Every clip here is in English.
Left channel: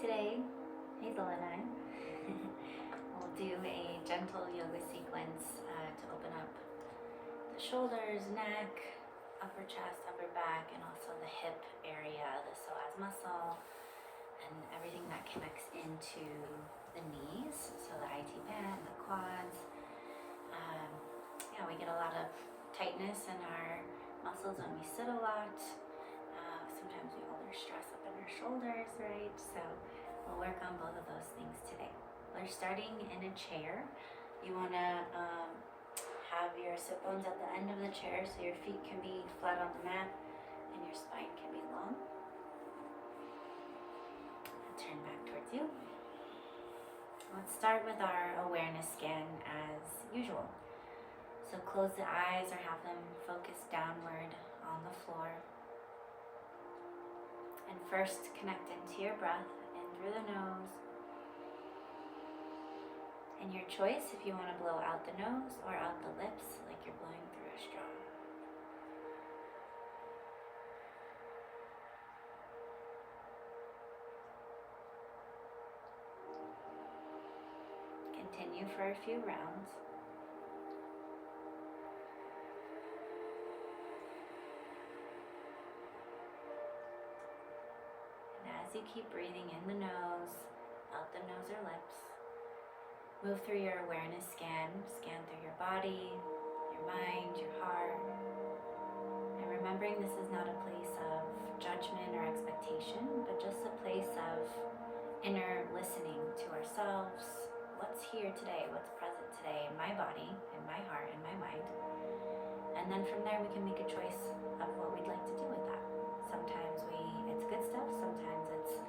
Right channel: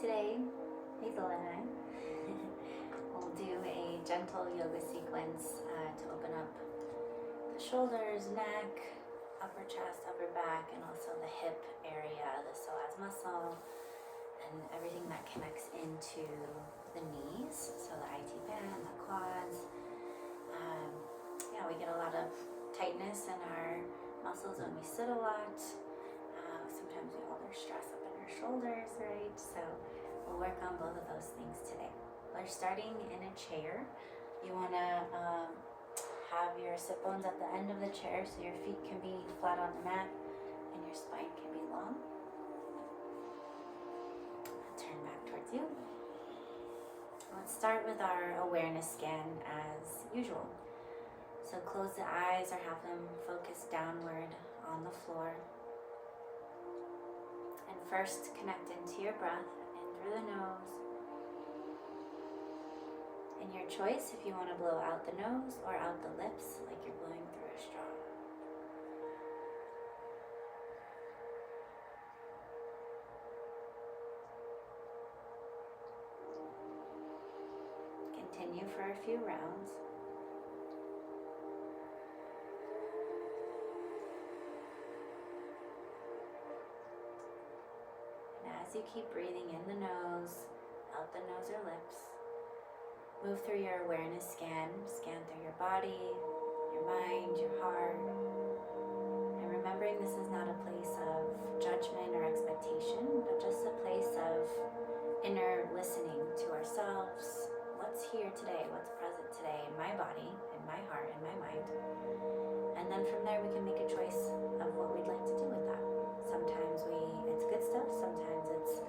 Today, Hazel and I will do a gentle yoga sequence to open up the shoulders, neck, upper chest, upper back, and also the hip area, the psoas muscle, and everything that connects into the knees, so the IT band, the quads. We get a lot of tightness in our muscles when we sit a lot. Sometimes we hold our stress up in our shoulders, right? So we'll work on both of those things today. We're starting in a chair. You want to have your sit bones at the end of the chair so your feet can be flat on the mat and your spine can be long. I'll turn back towards you. Let's start with our awareness scan as usual. So close the eyes or have them focus downward on the floor. And first connect into your breath in through the nose. And your choice if you want to blow out the nose or out the lips like you're blowing through a straw. Continue for a few rounds. As you keep breathing in the nose, out the nose or lips, move through your awareness scan through your body, your mind, your heart, and remembering this is not a place of judgment or expectation, but just a place of inner listening to ourselves. What's here today? What's present today in my body, in my heart, in my mind? And then from there we can make a choice of what we'd like to do with that. Sometimes it's good stuff, sometimes it's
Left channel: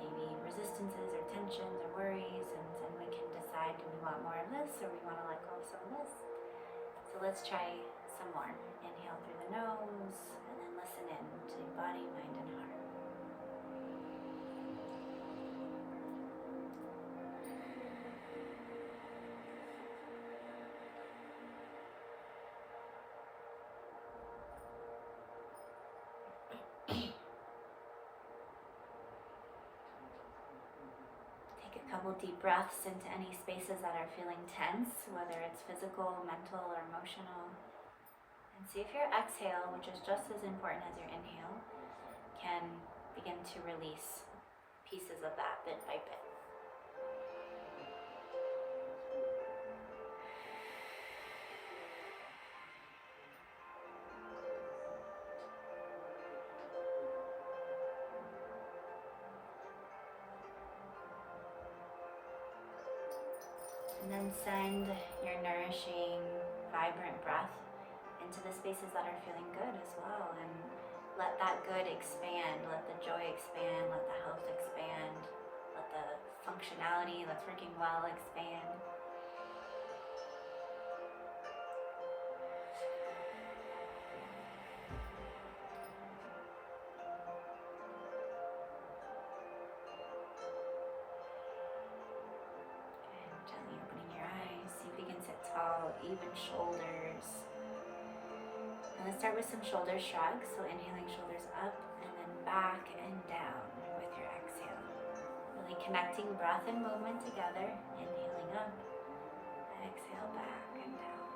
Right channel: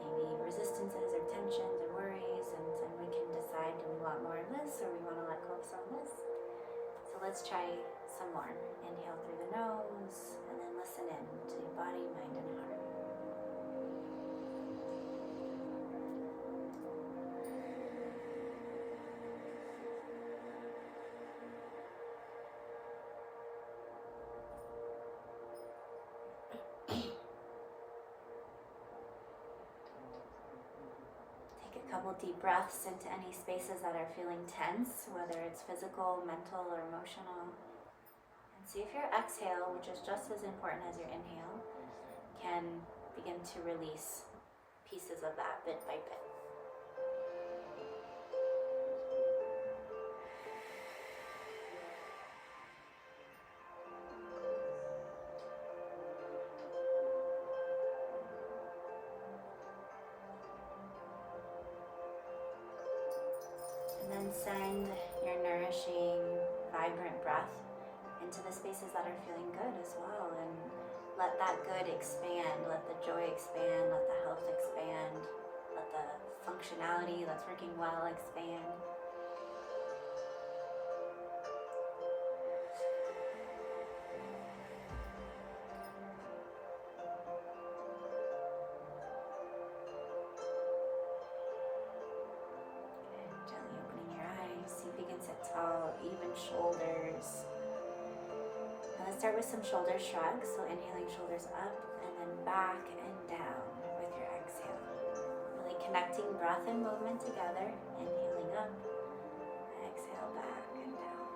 maybe resistances or tensions or worries, and then we can decide, do we want more of this or we want to let go of some of this? So let's try some more. Inhale through the nose and then listen in to your body, mind, and heart. Take a couple deep breaths into any spaces that are feeling tense, whether it's physical, mental, or emotional. And see if your exhale, which is just as important as your inhale, can begin to release pieces of that bit by bit. And then send your nourishing, vibrant breath into the spaces that are feeling good as well. And let that good expand, let the joy expand, let the health expand, let the functionality that's working well expand. Tall, even shoulders. And let's start with some shoulder shrugs. So inhaling, shoulders up and then back and down with your exhale. Really connecting breath and movement together. Inhaling up, exhale back and down.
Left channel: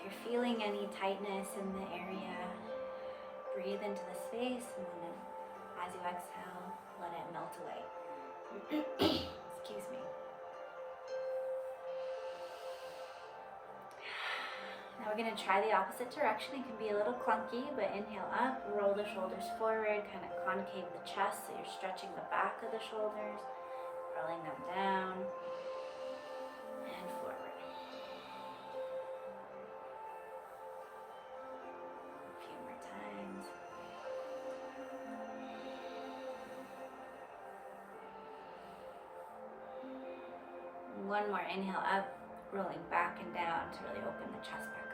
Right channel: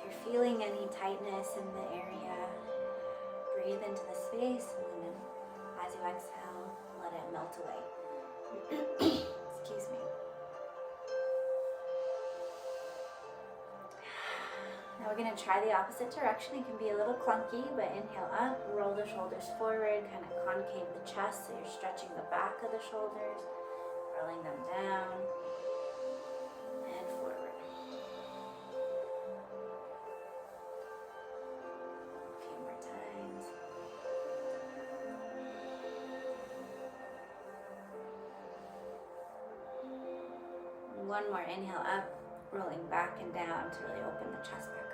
If you're feeling any tightness in the area, breathe into the space and then as you exhale, let it melt away. Excuse me. Now we're going to try the opposite direction. It can be a little clunky, but inhale up, roll the shoulders forward, kind of concave the chest so you're stretching the back of the shoulders, rolling them down and forward. A few more times. One more inhale up, rolling back and down to really open the chest back up.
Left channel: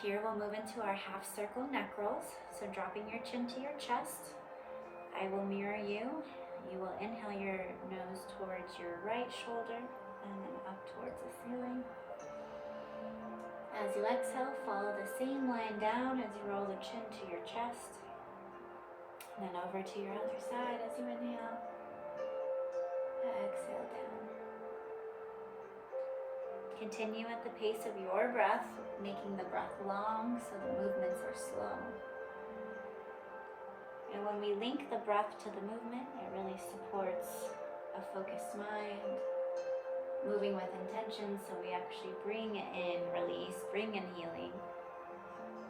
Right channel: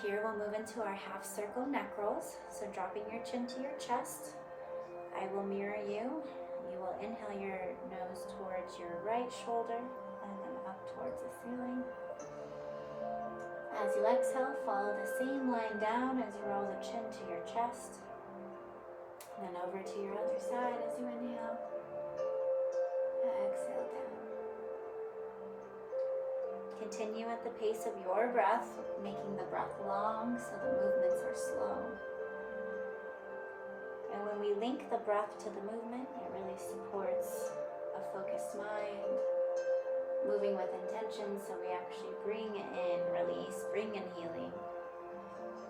Here we'll move into our half circle neck rolls. So dropping your chin to your chest. I will mirror you. You will inhale your nose towards your right shoulder and then up towards the ceiling. As you exhale, follow the same line down as you roll the chin to your chest. And then over to your other side as you inhale. Exhale down. Continue at the pace of your breath, making the breath long so the movements are slow. And when we link the breath to the movement, it really supports a focused mind, moving with intention, so we actually bring in release, bring in healing,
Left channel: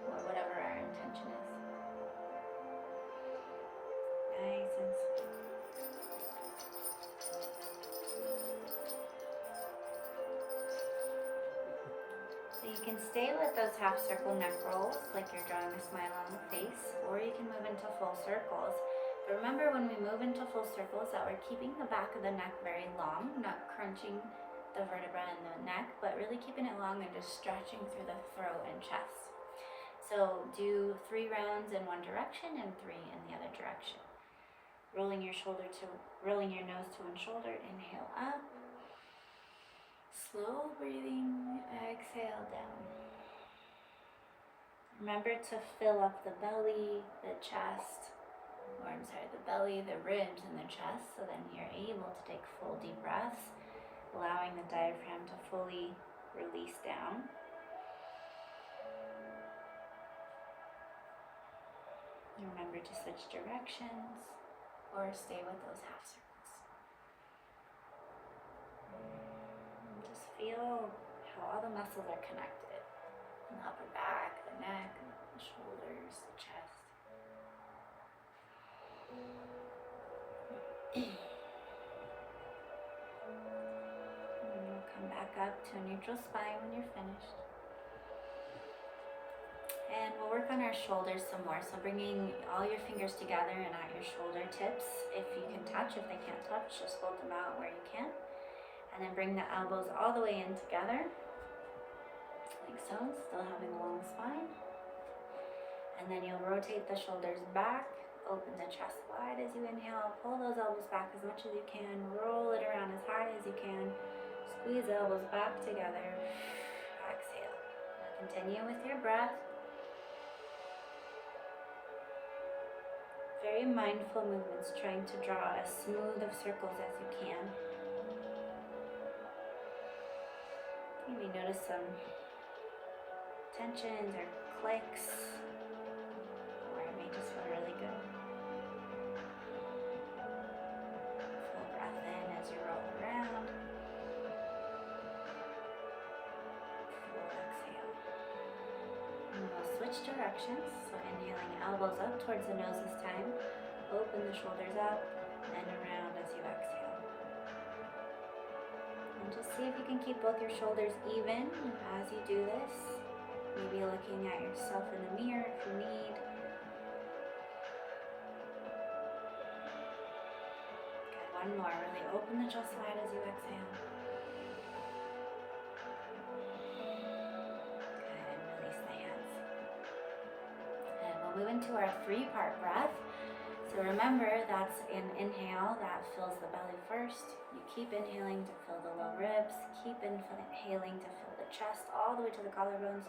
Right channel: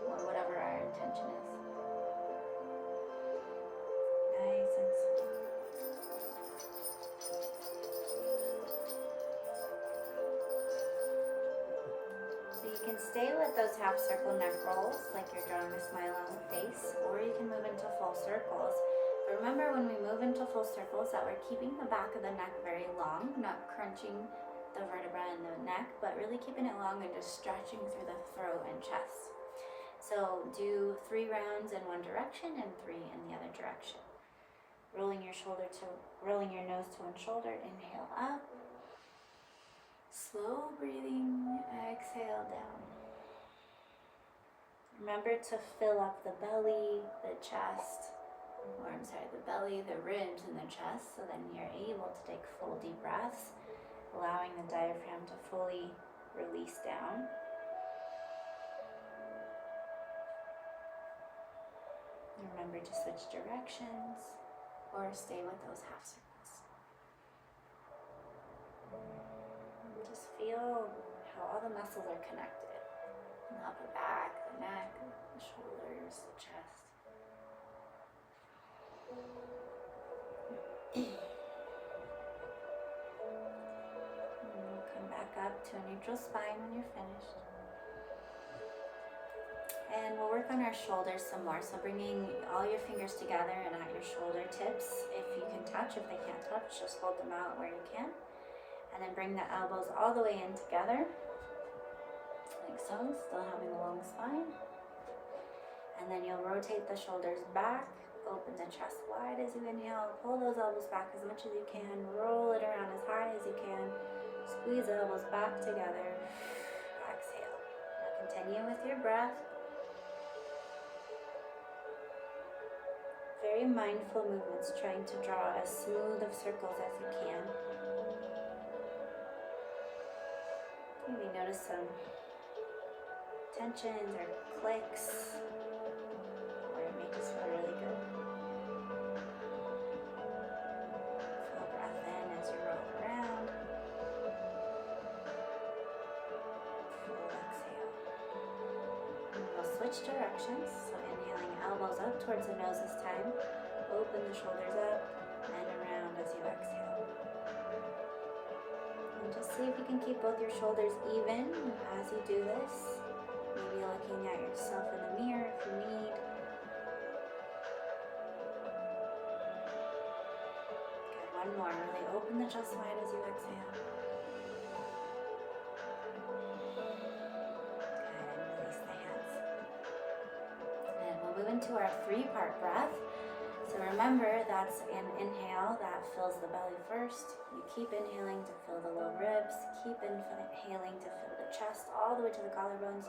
or whatever our intention is. Nice and slow. So you can stay with those half circle neck rolls, like you're drawing a smile on the face, or you can move into full circles. But remember, when we move into full circles, that we're keeping the back of the neck very long, not crunching the vertebra in the neck, but really keeping it long and just stretching through the throat and chest. So do 3 rounds in one direction and 3 in the other direction. Rolling your nose to one shoulder, inhale up. Slow breathing, exhale down. Remember to fill up the belly, the chest, the belly, the ribs, and the chest, so then you're able to take full deep breaths, allowing the diaphragm to fully release down. And remember to switch directions or stay with those half circles. And just feel how all the muscles are connected. The upper back, the neck, the shoulders, the chest. And we'll come back up to a neutral spine when you're finished. And we'll work on our shoulders some more. So bringing all your fingers together and at your shoulder tips. If you can touch, if they can't touch, just hold them out where you can. And then bring the elbows all the way in together. Like so, still having a long spine. And then you'll rotate the shoulders back. Open the chest wide as you inhale. Pull those elbows back as much as you can. Roll it around as high as you can. Squeeze the elbows back together. Exhale. Now continue with your breath. Very mindful movements, trying to draw as smooth of circles as you can. You may notice some tensions or clicks, or it may just feel really good. Full breath in as you roll around. Full exhale. And we'll switch directions. So inhaling elbows up towards the nose this time. Open the shoulders up and around as you exhale. And just see if you can keep both your shoulders even as you do this. Maybe looking at yourself in the mirror if you need. Good, one more. Really open the chest wide as you exhale. Move into our 3-part breath. So remember, that's an inhale that fills the belly first. You keep inhaling to fill the low ribs, keep inhaling to fill the chest all the way to the collarbones.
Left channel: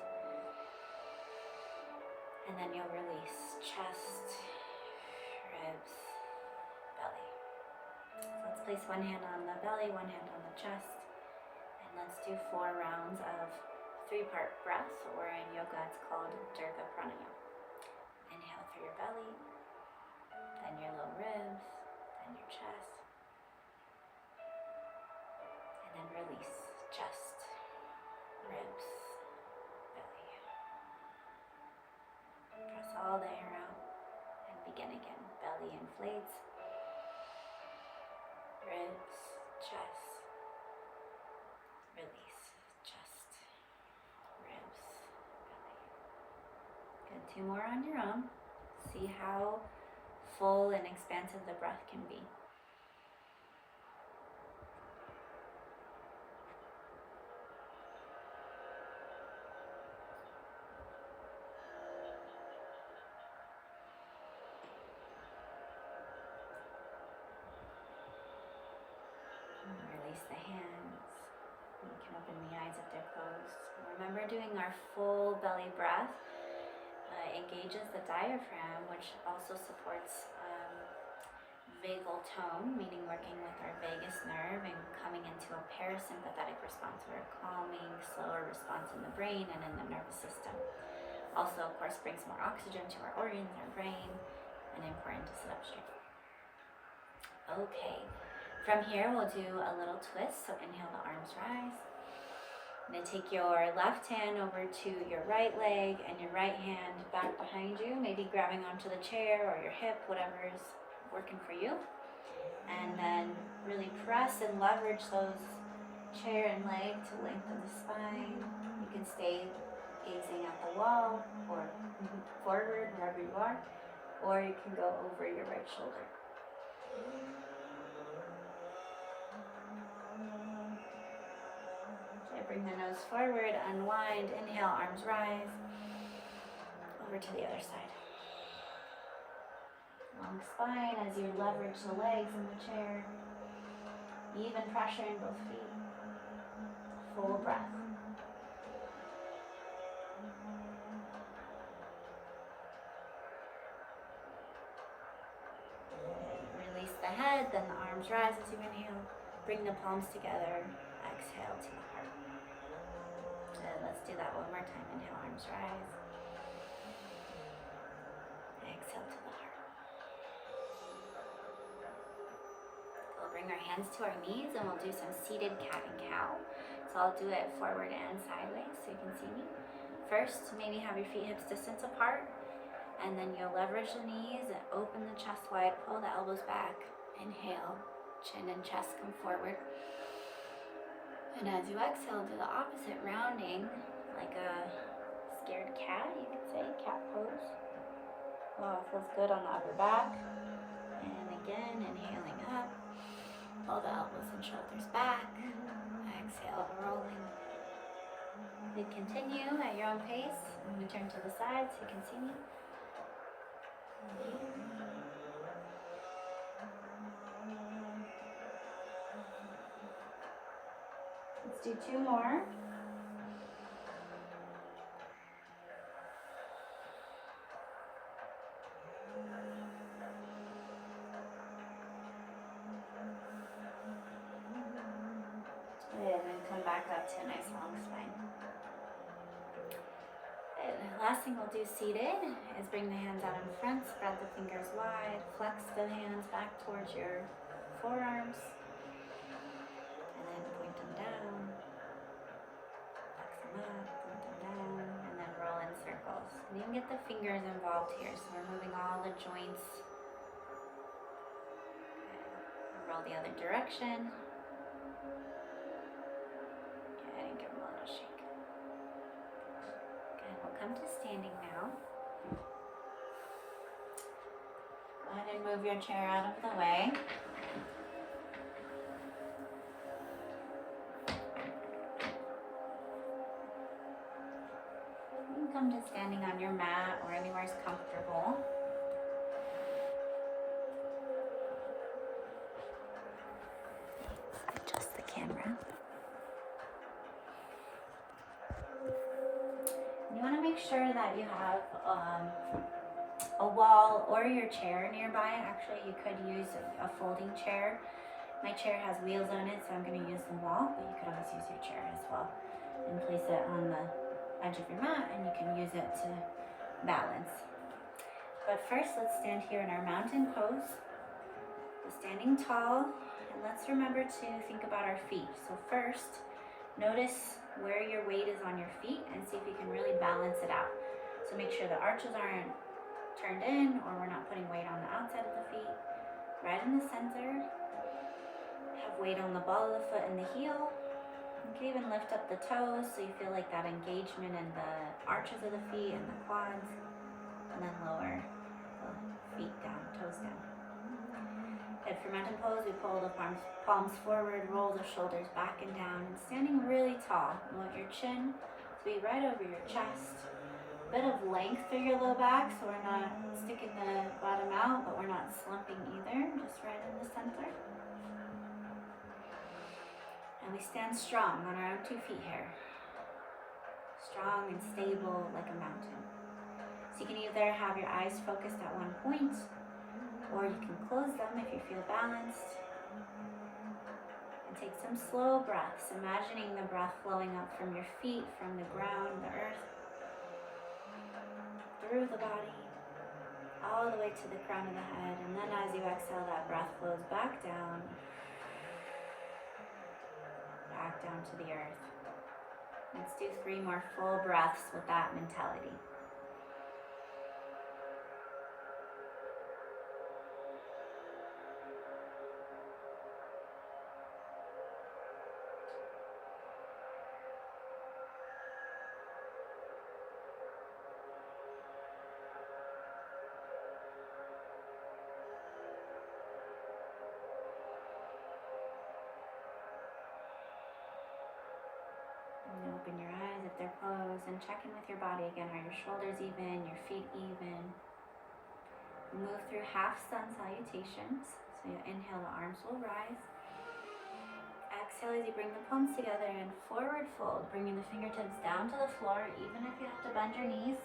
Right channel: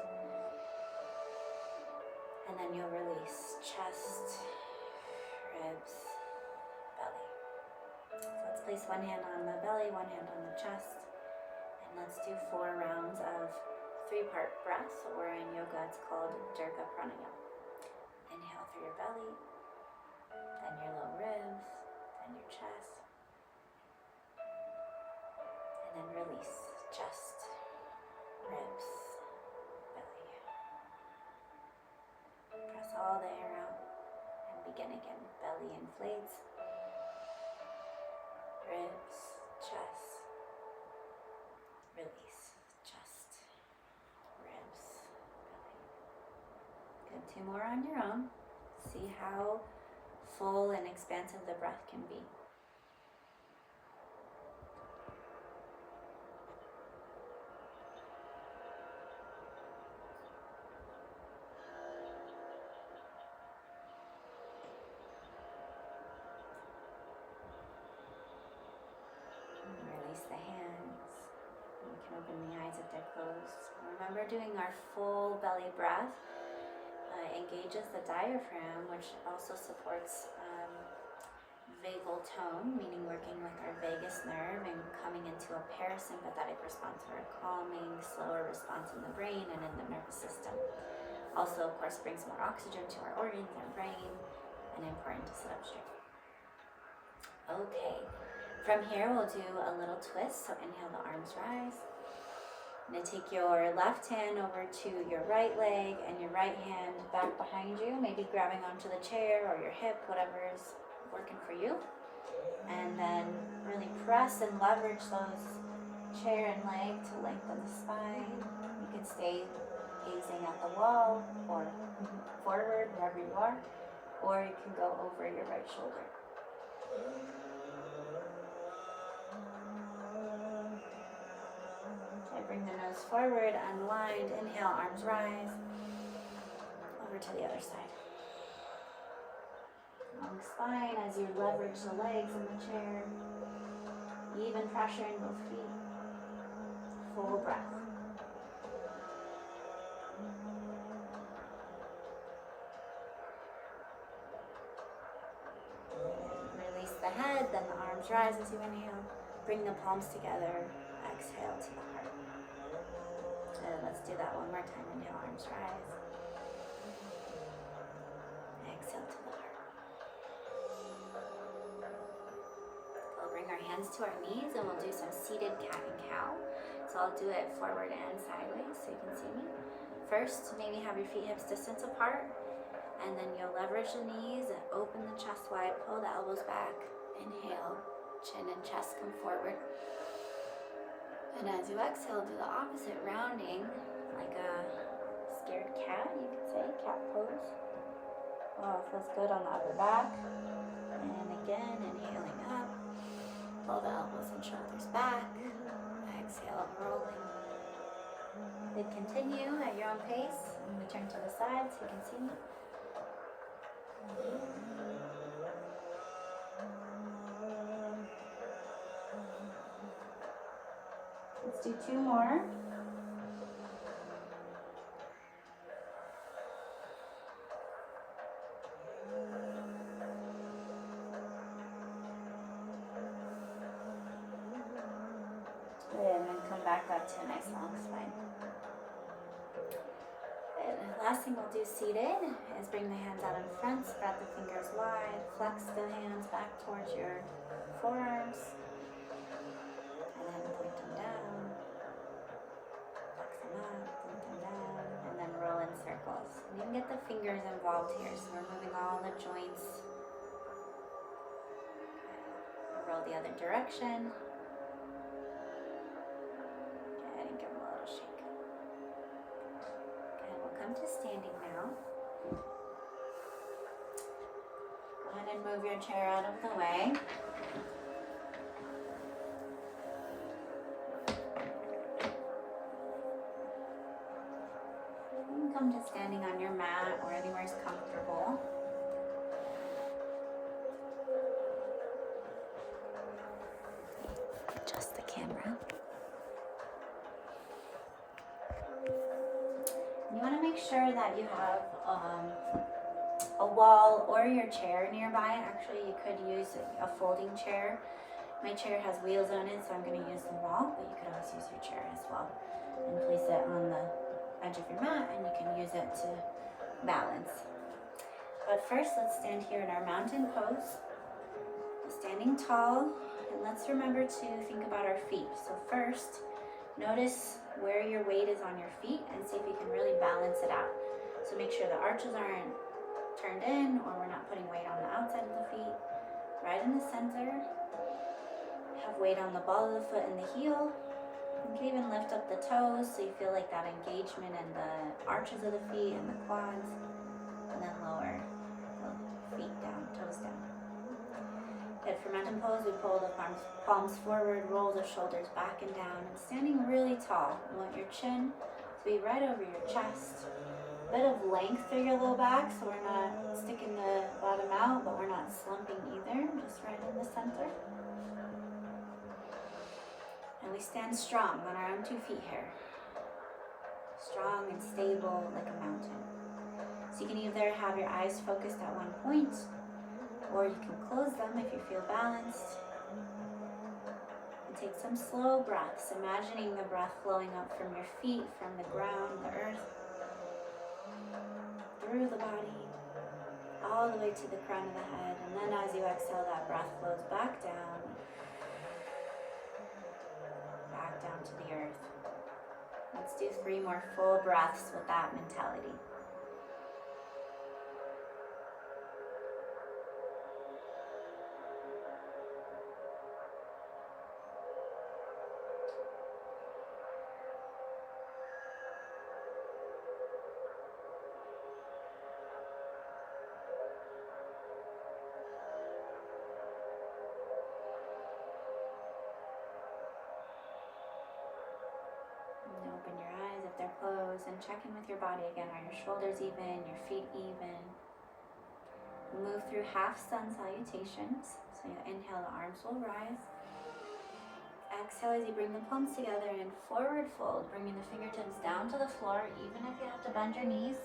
And then you'll release chest, ribs, belly. So let's place one hand on the belly, one hand on the chest. And let's do 4 rounds of 3-part breath, or in yoga it's called pranayama. Inhale through your belly, then your low ribs, then your chest, and then release chest, ribs, belly. Press all the air out and begin again. Belly inflates, ribs, chest, release, chest, ribs, belly. Good, 2 more on your own. See how full and expansive the breath can be. And release the hands. You can open the eyes if they're closed. Remember, doing our full belly breath engages the diaphragm, which also supports vagal tone, meaning working with our vagus nerve and coming into a parasympathetic response, or a calming, slower response in the brain and in the nervous system. Also, of course, brings more oxygen to our organs, our brain, and important to sit up straight. Okay, from here we'll do a little twist. So inhale, the arms rise. I'm going to take your left hand over to your right leg and your right hand back behind you, maybe grabbing onto the chair or your hip, whatever is working for you. And then really press and leverage those chair and leg to lengthen the spine. You can stay gazing at the wall or forward, wherever you are, or you can go over your right shoulder. Okay, bring the nose forward, unwind, inhale, arms rise, over to the other side. Long spine as you leverage the legs in the chair, even pressure in both feet. Full breath. Release the head, then the arms rise as you inhale. Bring the palms together, exhale to the heart. Good, let's do that one more time. Inhale, arms rise. Exhale to the heart. So we'll bring our hands to our knees and we'll do some seated cat and cow. So I'll do it forward and sideways so you can see me. First, maybe have your feet hips distance apart, and then you'll leverage the knees and open the chest wide, pull the elbows back. Inhale, chin and chest come forward. And as you exhale, do the opposite, rounding like a scared cat, you could say, cat pose. Oh, it feels good on the upper back. And again, inhaling up, pull the elbows and shoulders back. Exhale, rolling. Then continue at your own pace. I'm going to turn to the side so you can see me. Let's do two more. And then come back up to a nice long spine. And the last thing we'll do seated is bring the hands out in front, spread the fingers wide, flex the hands back towards your forearms, and then point them down, flex them up, point them down, and then roll in circles. And you can get the fingers involved here, so we're moving all the joints. Okay. Roll the other direction. And give them a little shake. Okay, we'll come to standing now. Go ahead and move your chair out of the way. You can come to standing on your mat or anywhere is comfortable. Adjust the camera. You want to make sure that you have a wall or your chair nearby. Actually, you could use a folding chair. My chair has wheels on it, so I'm going to use the wall, but you could always use your chair as well. And place it on the edge of your mat, and you can use it to balance. But first, let's stand here in our mountain pose. So standing tall, and let's remember to think about our feet. So first, notice where your weight is on your feet and see if you can really balance it out. So make sure the arches aren't turned in or we're not putting weight on the outside of the feet. Right in the center. Have weight on the ball of the foot and the heel. You can even lift up the toes so you feel like that engagement in the arches of the feet and the quads. And then lower the feet down, toes down. Good. For mountain pose, we pull the palms forward, roll the shoulders back and down, and standing really tall. You want your chin to be right over your chest. Bit of length through your low back, so we're not sticking the bottom out, but we're not slumping either, just right in the center. And we stand strong on our own 2 feet here. Strong and stable like a mountain. So you can either have your eyes focused at one point, or you can close them if you feel balanced. And take some slow breaths, imagining the breath flowing up from your feet, from the ground, the earth, through the body, all the way to the crown of the head. And then as you exhale, that breath flows back down to the earth. Let's do 3 more full breaths with that mentality. And open your eyes if they're closed and check in with your body again. Are your shoulders even? Your feet even? Move through half sun salutations. So you inhale, the arms will rise. Exhale as you bring the palms together and forward fold, bringing the fingertips down to the floor, even if you have to bend your knees.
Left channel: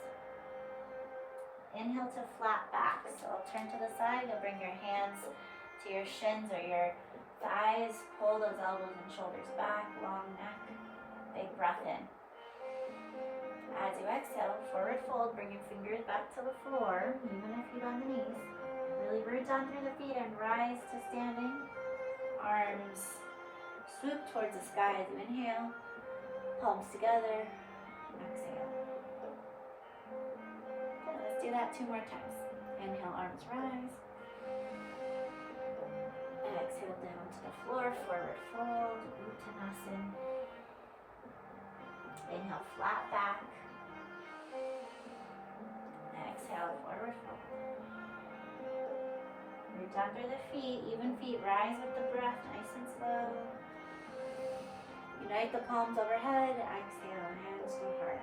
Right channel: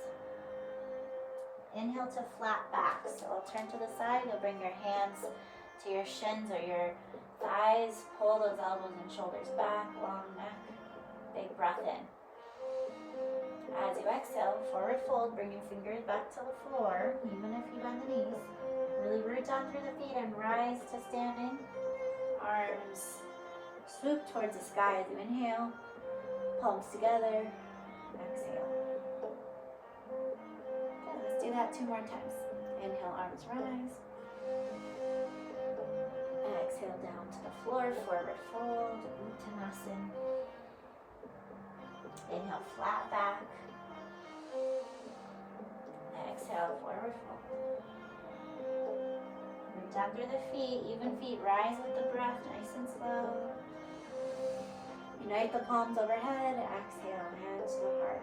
Inhale to flat back. So I'll turn to the side. You'll bring your hands to your shins or your thighs. Pull those elbows and shoulders back, long neck. Big breath in. As you exhale, forward fold, bring your fingers back to the floor, even if you bend the knees. Really root down through the feet and rise to standing. Arms swoop towards the sky as you inhale. Palms together. Exhale. Okay, let's do that 2 more times. Inhale, arms rise. Exhale down to the floor, forward fold, Uttanasana. Inhale, flat back. Exhale, forward fold. Root down through the feet, even feet, rise with the breath, nice and slow. Unite the palms overhead, exhale, hands to heart.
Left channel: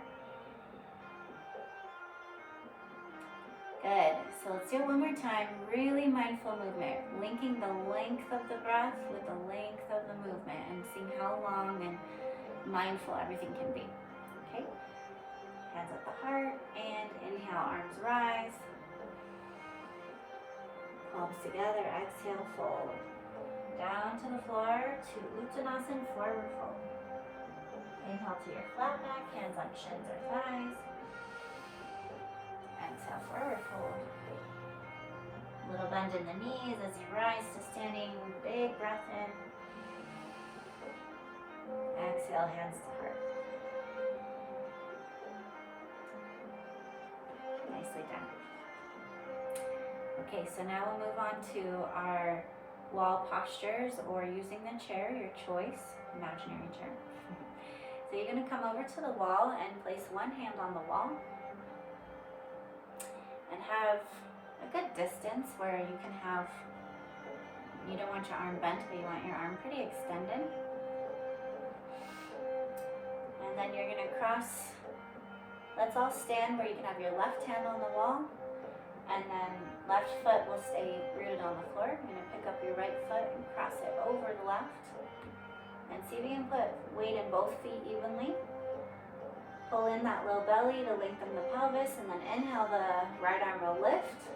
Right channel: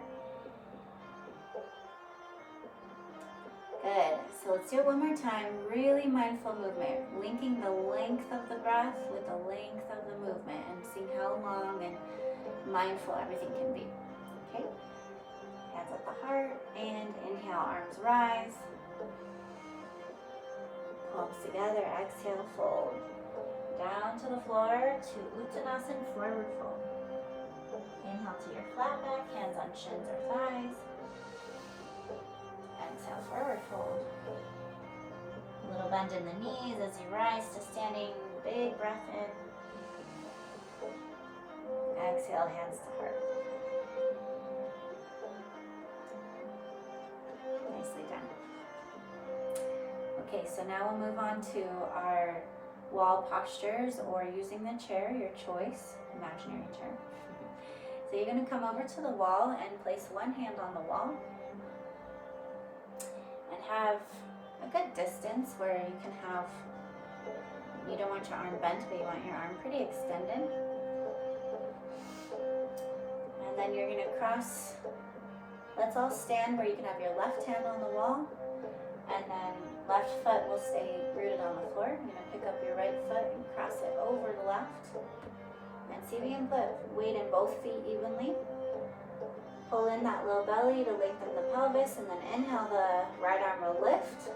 Good, so let's do it one more time. Really mindful movement, linking the length of the breath with the length of the movement and seeing how long and mindful everything can be. Okay, hands at the heart, and inhale, arms rise. Palms together, exhale, fold. Down to the floor to Uttanasana, forward fold. Inhale to your flat back, hands on shins or thighs. Exhale, forward fold. Little bend in the knees as you rise to standing, big breath in. Exhale, hands to heart. Nicely done. Okay, so now we'll move on to our wall postures or using the chair, your choice, imaginary chair. So you're going to come over to the wall and place one hand on the wall and have a good distance where you can have, you don't want your arm bent, but you want your arm pretty extended. And then you're going to cross, let's all stand where you can have your left hand on the wall, and then left foot will stay rooted on the floor. You're going to pick up your right foot and cross it over the left. And see if you can put weight in both feet evenly. Pull in that low belly to lengthen the pelvis, and then inhale, the right arm will lift.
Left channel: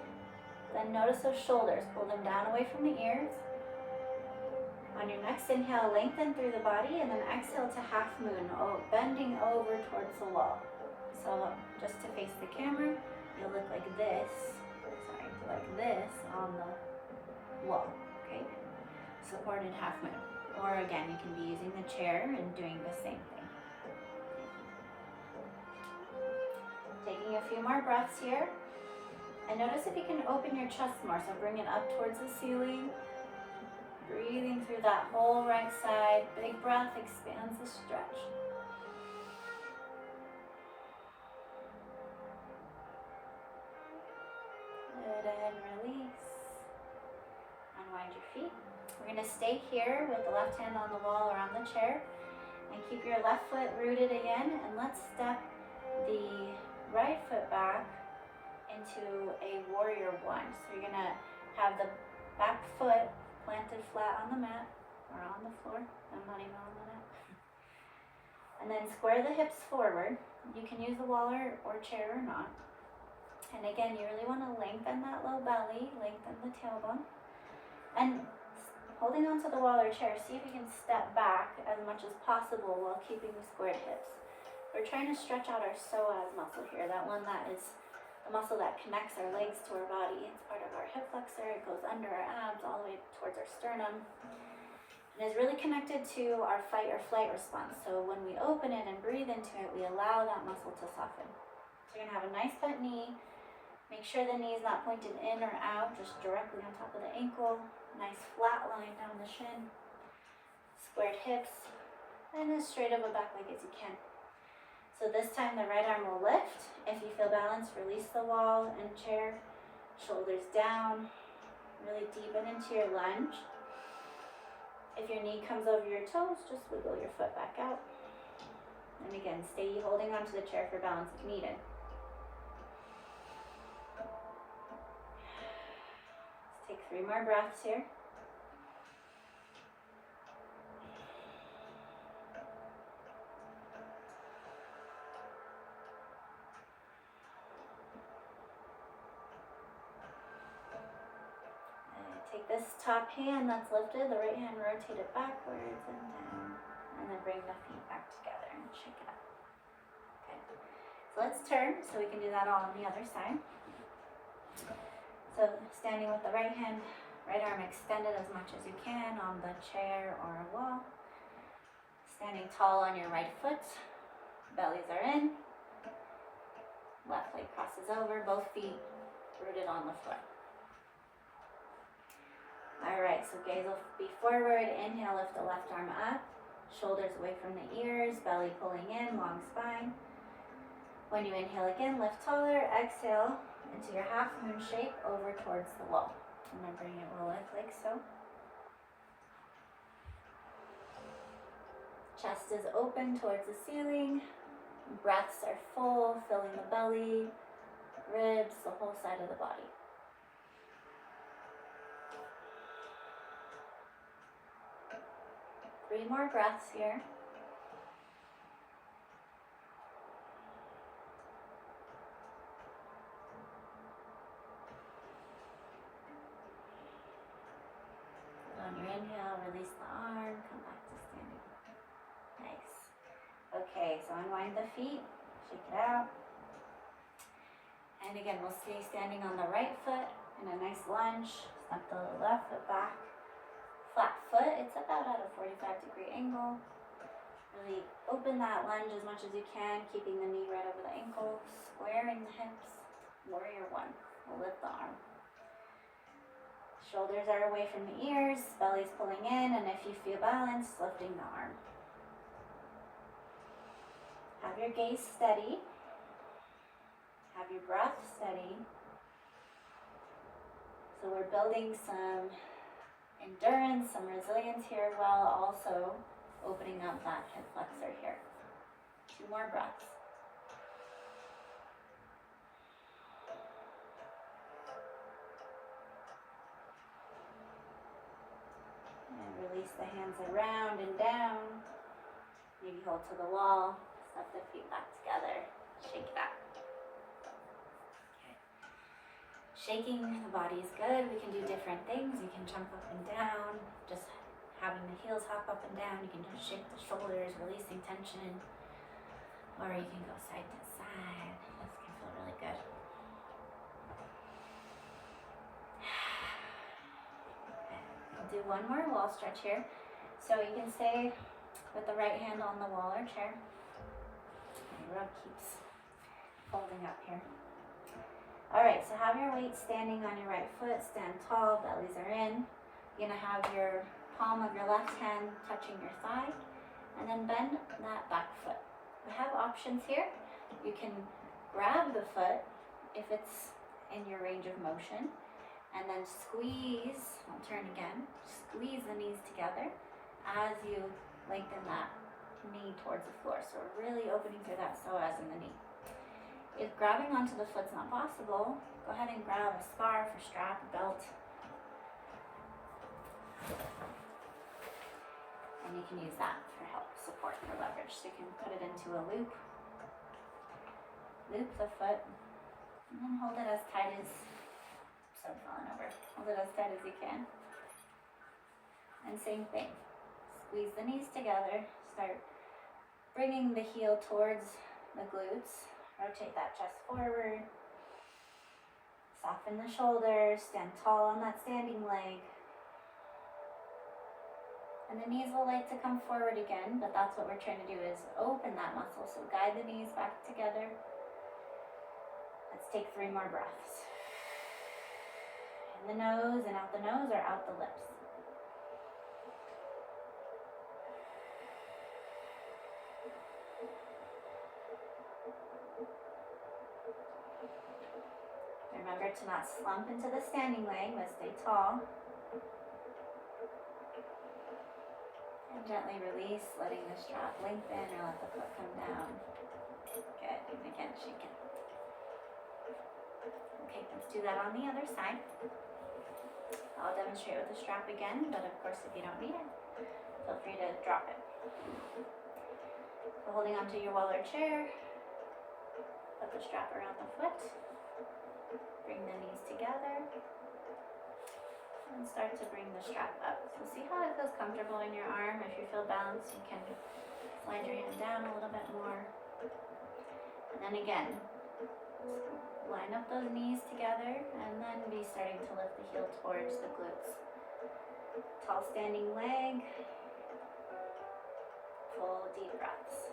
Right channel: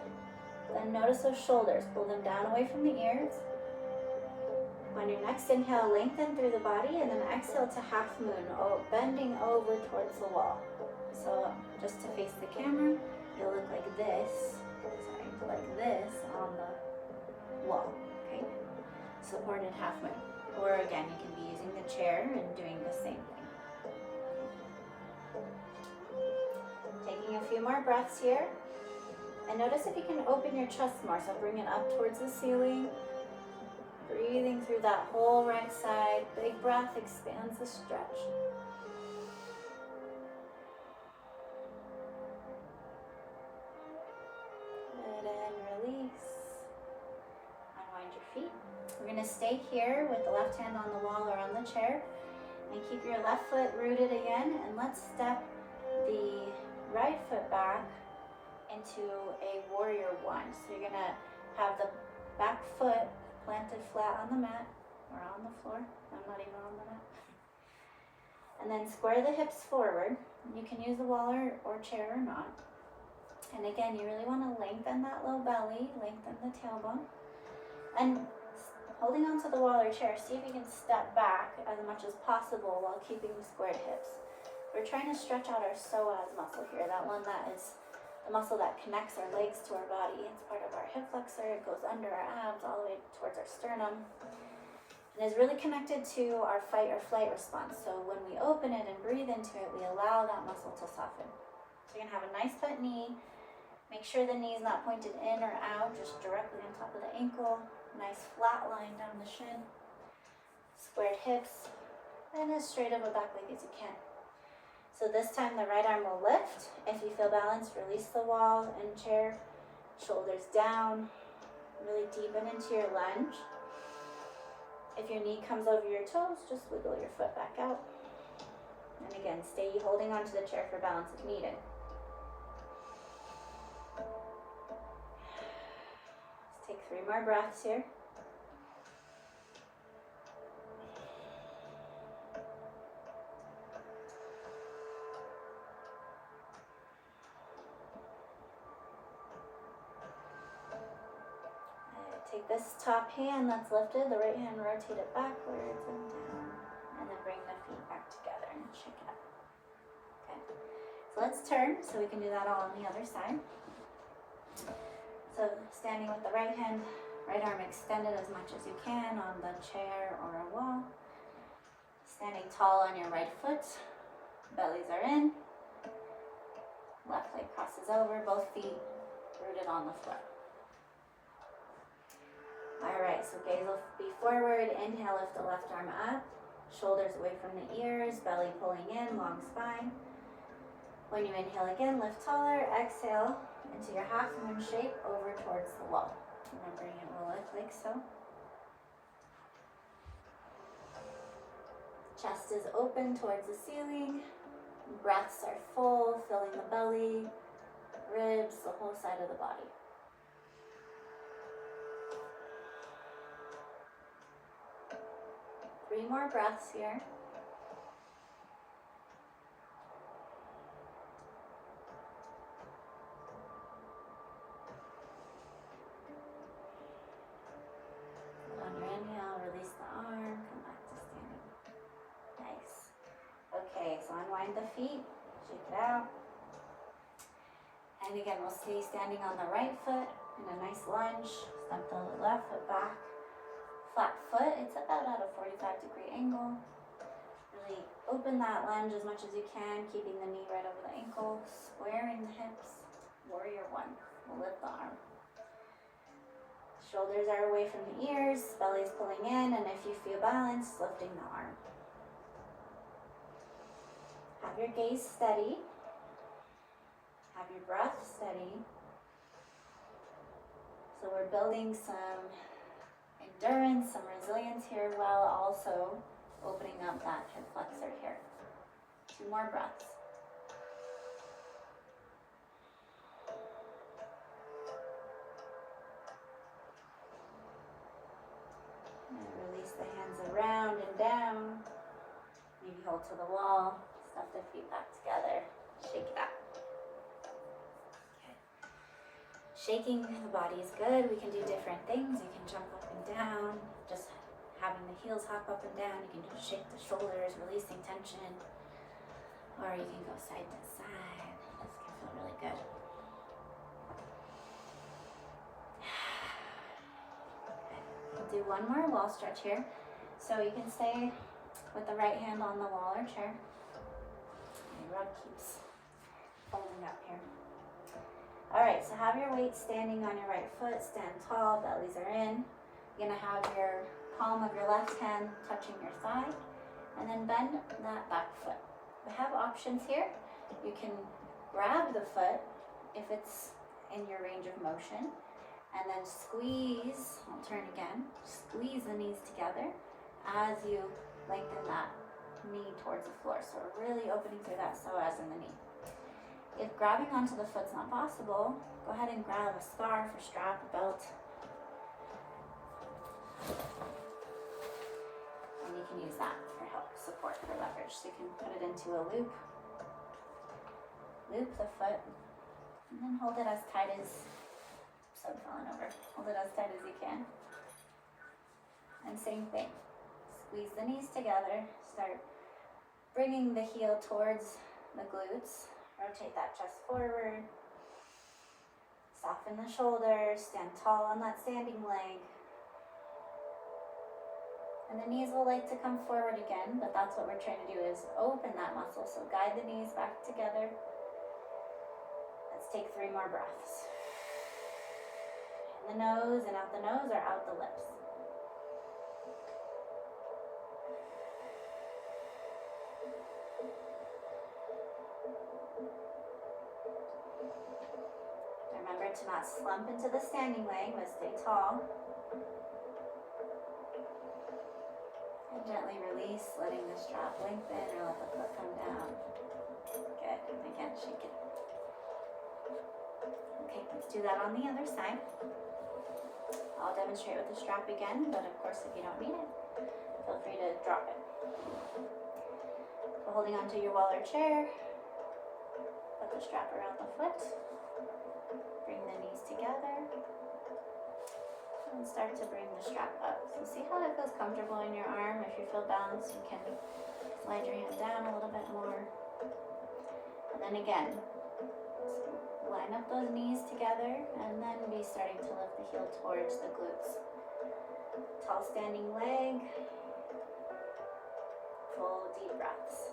Then notice those shoulders, pull them down away from the ears. On your next inhale, lengthen through the body, and then exhale to half moon, bending over towards the wall. So just to face the camera, you'll look like this, like this on the wall, okay? Supported half moon. Or again, you can be using the chair and doing the same thing. Taking a few more breaths here. And notice if you can open your chest more, so bring it up towards the ceiling. Breathing through that whole right side. Big breath expands the stretch. Good, and release. Unwind your feet. We're going to stay here with the left hand on the wall or on the chair. And keep your left foot rooted again. And let's step the right foot back into a warrior one. So you're going to have the back foot planted flat on the mat or on the floor. I'm not even on the mat. And then square the hips forward. You can use the wall or chair or not. And again, you really want to lengthen that low belly, lengthen the tailbone. And holding onto the wall or chair, see if you can step back as much as possible while keeping the squared hips. We're trying to stretch out our psoas muscle here, that one that is the muscle that connects our legs to our body. It's part of our hip flexor. It goes under our abs all the way towards our sternum. And is really connected to our fight or flight response. So when we open it and breathe into it, we allow that muscle to soften. So you're gonna have a nice bent knee. Make sure the knee is not pointed in or out, just directly on top of the ankle. Nice flat line down the shin. Squared hips, and as straight of a back leg as you can. So this time the right arm will lift. If you feel balanced, release the wall and chair. Shoulders down. Really deepen into your lunge. If your knee comes over your toes, just wiggle your foot back out. And again, stay holding onto the chair for balance if needed. Let's take 3 more breaths here. Take this top hand that's lifted, the right hand, rotate it backwards and down, and then bring the feet back together and shake it up. Okay, so let's turn so we can do that all on the other side. So standing with the right hand, right arm extended as much as you can on the chair or a wall. Standing tall on your right foot, bellies are in, left leg crosses over, both feet rooted on the floor. All right, so gaze will be forward. Inhale, lift the left arm up. Shoulders away from the ears, belly pulling in, long spine. When you inhale again, lift taller. Exhale into your half moon shape over towards the wall. Remembering it will look like so. Chest is open towards the ceiling. Breaths are full, filling the belly, ribs, the whole side of the body. Three more breaths here. On your inhale, release the arm, come back to standing. Nice. Okay, so unwind the feet, shake it out. And again, we'll stay standing on the right foot in a nice lunge. Step the left foot back. Flat foot, it's about at a 45-degree angle. Really open that lunge as much as you can, keeping the knee right over the ankle, squaring the hips. Warrior 1. We'll lift the arm. Shoulders are away from the ears, belly's pulling in, and if you feel balanced, lifting the arm. Have your gaze steady. Have your breath steady. So we're building some endurance, some resilience here, while also opening up that hip flexor here. 2 more breaths. And release the hands around and down. Maybe hold to the wall. Step the feet back together. Shake it out. Shaking the body is good. We can do different things. You can jump up and down, just having the heels hop up and down. You can just shake the shoulders, releasing tension. Or you can go side to side. This can feel really good. Okay. We'll do one more wall stretch here. So you can stay with the right hand on the wall or chair. And your rug keeps folding up here. All right, so have your weight standing on your right foot, stand tall, bellies are in. You're gonna have your palm of your left hand touching your thigh, and then bend that back foot. We have options here. You can grab the foot if it's in your range of motion, and then squeeze, I'll turn again, squeeze the knees together as you lengthen that knee towards the floor. So we're really opening through that psoas in the knee. If grabbing onto the foot's not possible, go ahead and grab a scarf or strap, a belt. And you can use that for help, support, for leverage. So you can put it into a loop. Loop the foot, And then hold it as tight as, so I'm falling over. Hold it as tight as you can. And same thing. Squeeze the knees together. Start bringing the heel towards the glutes. Rotate that chest forward. Soften the shoulders. Stand tall on that standing leg. And the knees will like to come forward again, but that's what we're trying to do, is open that muscle. So guide the knees back together. Let's take 3 more breaths. In the nose and out the nose or out the lips. Remember to not slump into the standing leg, but stay tall. And gently release, letting the strap lengthen or let the foot come down. Good. And again, shake it. Okay, let's do that on the other side. I'll demonstrate with the strap again, but of course if you don't need it, feel free to drop it. So holding onto your wall or chair, put the strap around the foot, bring the knees together, and start to bring the strap up. So see how it feels comfortable in your arm. If you feel balanced, you can slide your hand down a little bit more. And then again, line up those knees together and then be starting to lift the heel towards the glutes. Tall standing leg. Full deep breaths.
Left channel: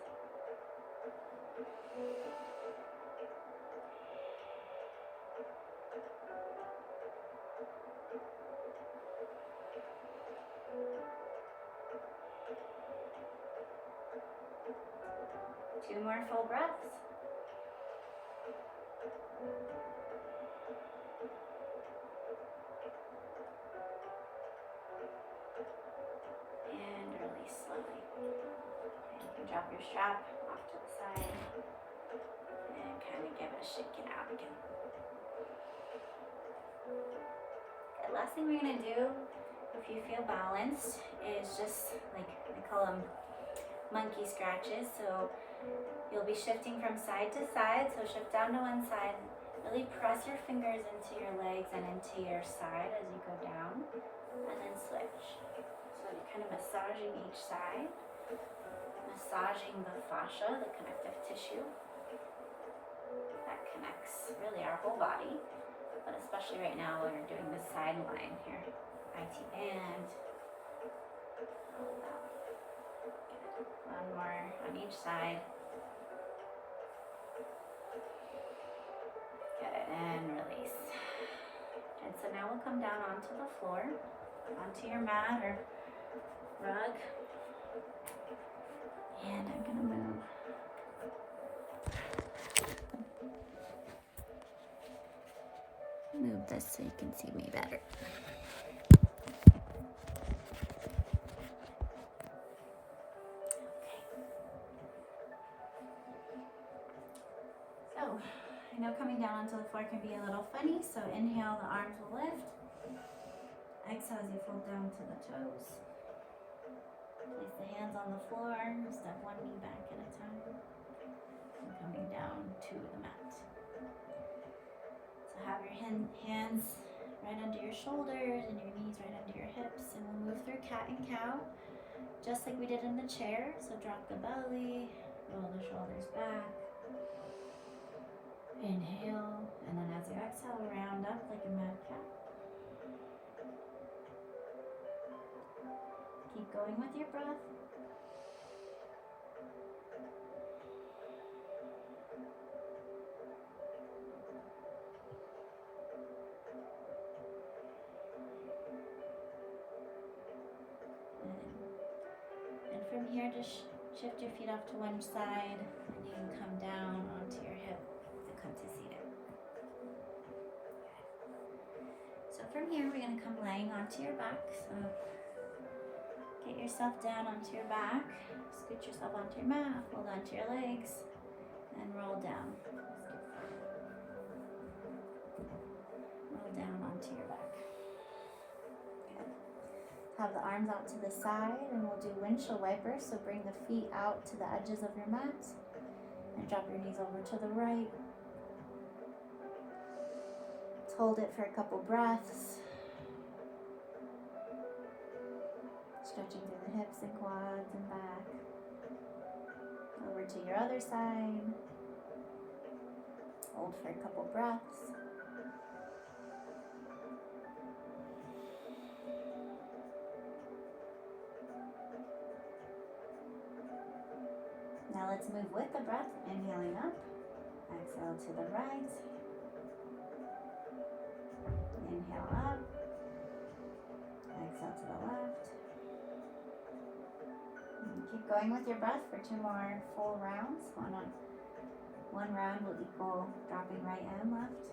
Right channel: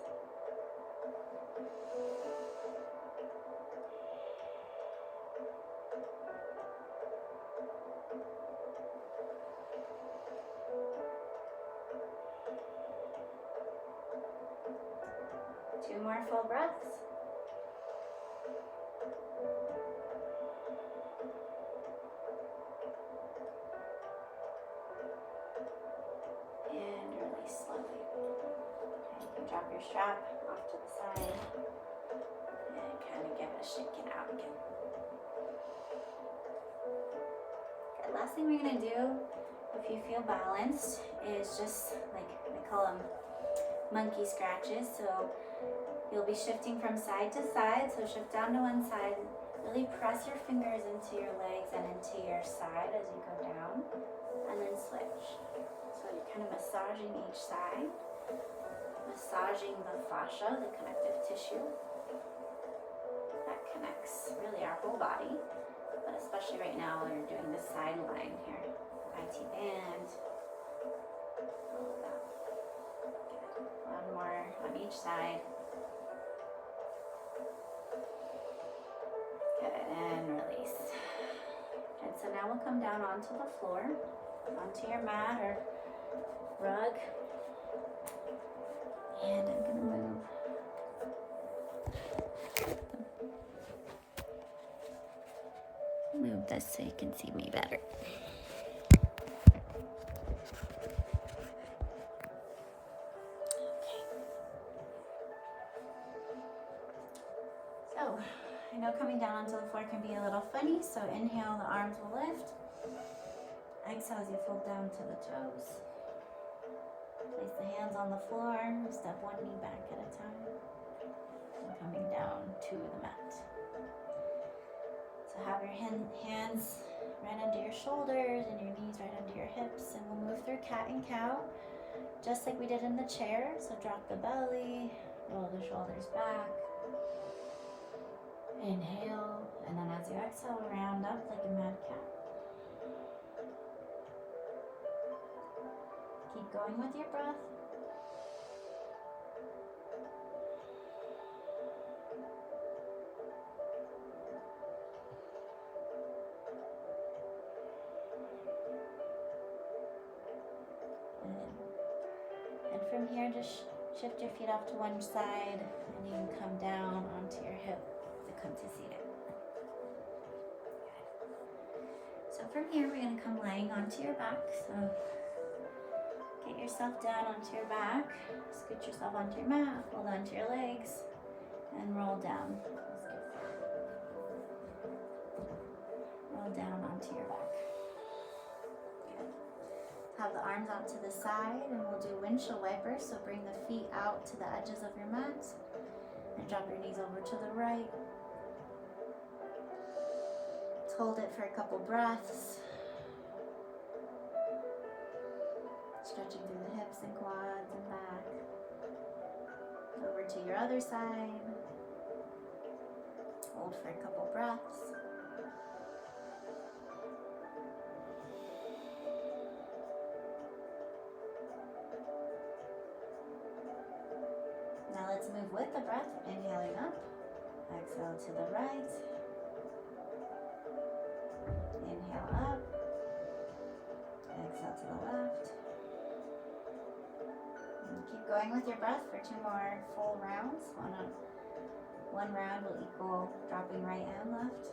Two more full breaths. And release slowly. Okay, you can drop your strap off to the side and kind of give it a shake it out again. Okay, last thing we're going to do, if you feel balanced, is just like, we call them monkey scratches. So you'll be shifting from side to side. So shift down to one side. Really press your fingers into your legs and into your side as you go down. And then switch. So you're kind of massaging each side. Massaging the fascia, the connective tissue. That connects really our whole body. But especially right now when you're doing the side line here. IT band. All of that. Good. One more on each side. Good, and release. And so now we'll come down onto the floor, onto your mat or rug. And I'm gonna move this so you can see me better. So, I know coming down onto the floor can be a little funny, so inhale, the arms will lift. Exhale as you fold down to the toes. Place the hands on the floor, step one knee back at a time. And coming down to the mat. So have your hands right under your shoulders and your knees right under your hips, and we'll move through cat and cow, just like we did in the chair. So drop the belly, roll the shoulders back. Inhale, and then as you exhale, round up like a mad cat. Keep going with your breath. And from here, just shift your feet off to one side, and you can come down onto your hip to come to seated. So from here, we're going to come laying onto your back. So get yourself down onto your back, scoot yourself onto your mat, hold onto your legs, and roll down. Roll down onto your back. Good. Have the arms out to the side, and we'll do windshield wipers. So bring the feet out to the edges of your mat, and drop your knees over to the right. Let's hold it for a couple breaths. Stretching through the hips and quads and back. Over to your other side. Hold for a couple breaths. Now let's move with the breath, inhaling up. Exhale to the right. Inhale up. Exhale to the left. And keep going with your breath for 2 more full rounds. One round will equal dropping right and left.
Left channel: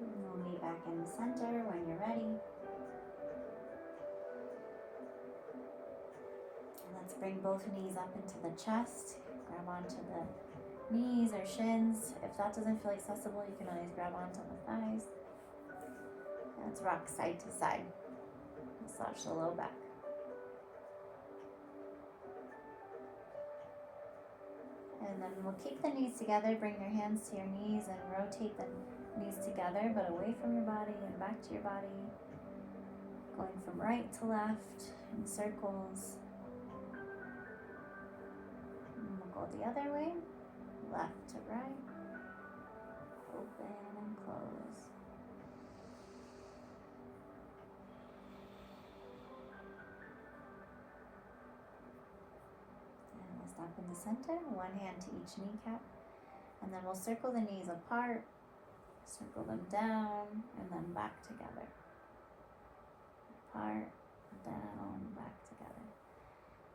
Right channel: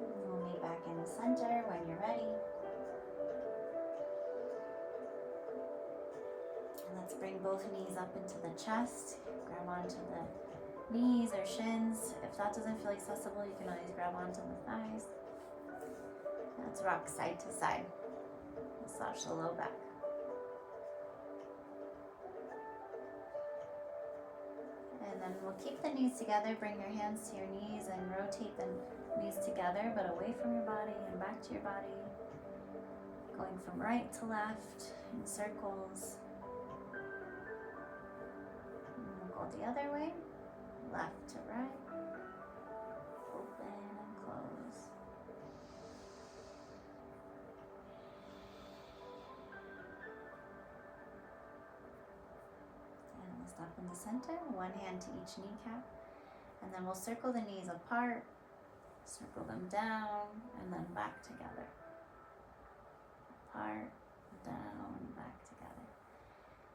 And we'll meet back in the center when you're ready. Let's bring both knees up into the chest. Grab onto the knees or shins. If that doesn't feel accessible, you can always grab onto the thighs. Let's rock side to side. Massage the low back. And then we'll keep the knees together. Bring your hands to your knees and rotate the knees together, but away from your body and back to your body. Going from right to left in circles. Go the other way, left to right, open and close. And we'll stop in the center, one hand to each kneecap, and then we'll circle the knees apart, circle them down, and then back together. Apart, down, back together.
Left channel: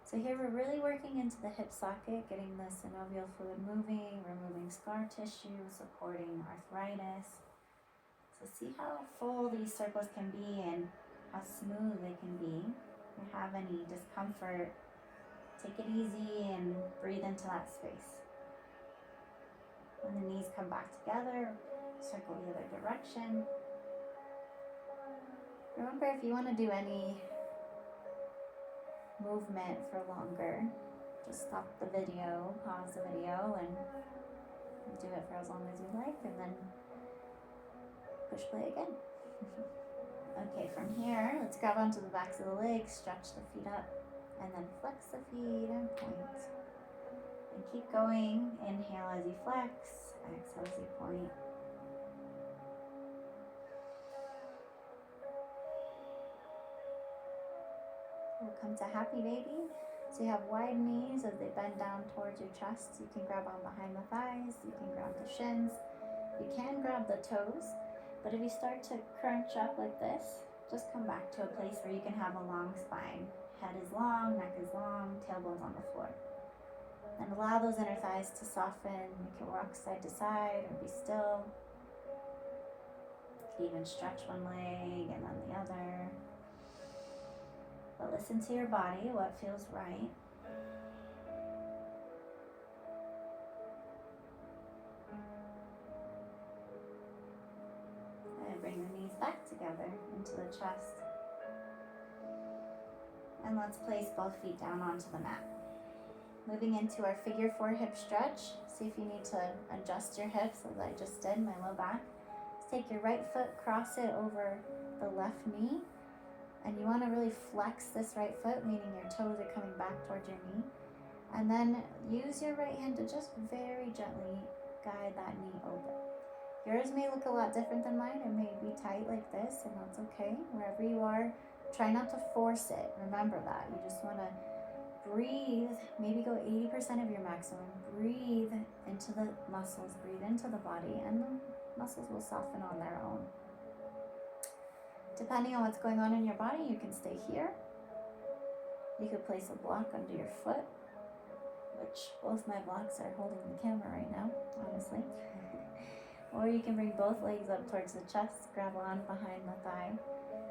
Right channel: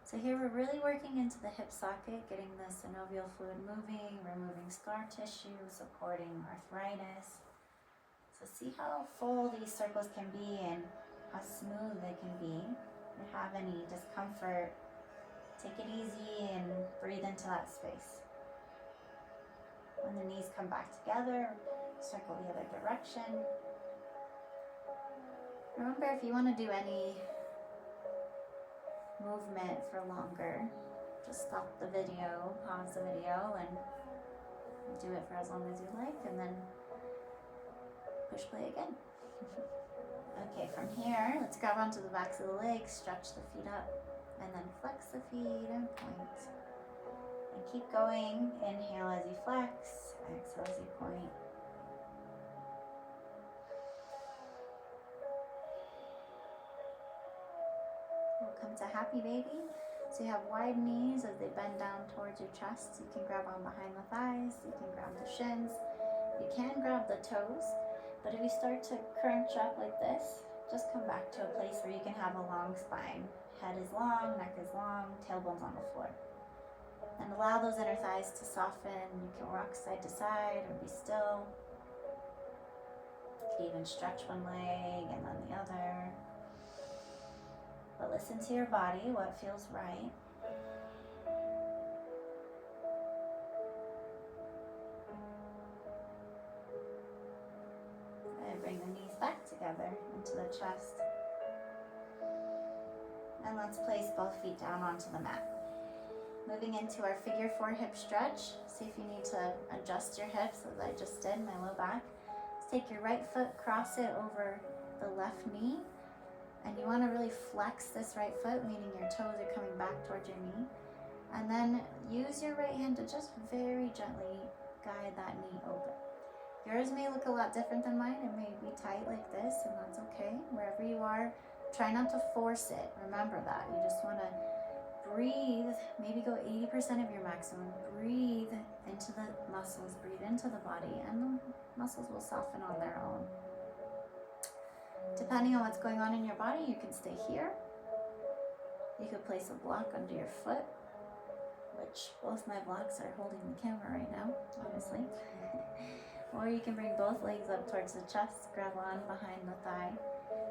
So here we're really working into the hip socket, getting the synovial fluid moving, removing scar tissue, supporting arthritis. So see how full these circles can be and how smooth they can be. If you have any discomfort, take it easy and breathe into that space. When the knees come back together, circle the other direction. Remember, if you want to do any movement for longer, just stop the video, pause the video, and do it for as long as you like, and then push play again. Okay, from here, let's grab onto the backs of the legs, stretch the feet up, and then flex the feet and point. And keep going. Inhale as you flex, exhale as you point. We'll come to happy baby. So you have wide knees as they bend down towards your chest. You can grab on behind the thighs. You can grab the shins. You can grab the toes. But if you start to crunch up like this, just come back to a place where you can have a long spine. Head is long, neck is long, tailbone's on the floor. And allow those inner thighs to soften. You can rock side to side or be still. You can even stretch one leg and then the other. But listen to your body, what feels right. And bring the knees back together into the chest. And let's place both feet down onto the mat. Moving into our figure 4 hip stretch. See if you need to adjust your hips as I just did, my low back. Let's take your right foot, cross it over the left knee. And you want to really flex this right foot, meaning your toes are coming back towards your knee. And then use your right hand to just very gently guide that knee open. Yours may look a lot different than mine. It may be tight like this, and that's okay. Wherever you are, try not to force it. Remember that. You just want to breathe, maybe go 80% of your maximum. Breathe into the muscles, breathe into the body, and the muscles will soften on their own. Depending on what's going on in your body, you can stay here. You could place a block under your foot, which both my blocks are holding the camera right now, honestly. Or you can bring both legs up towards the chest, grab on behind the thigh.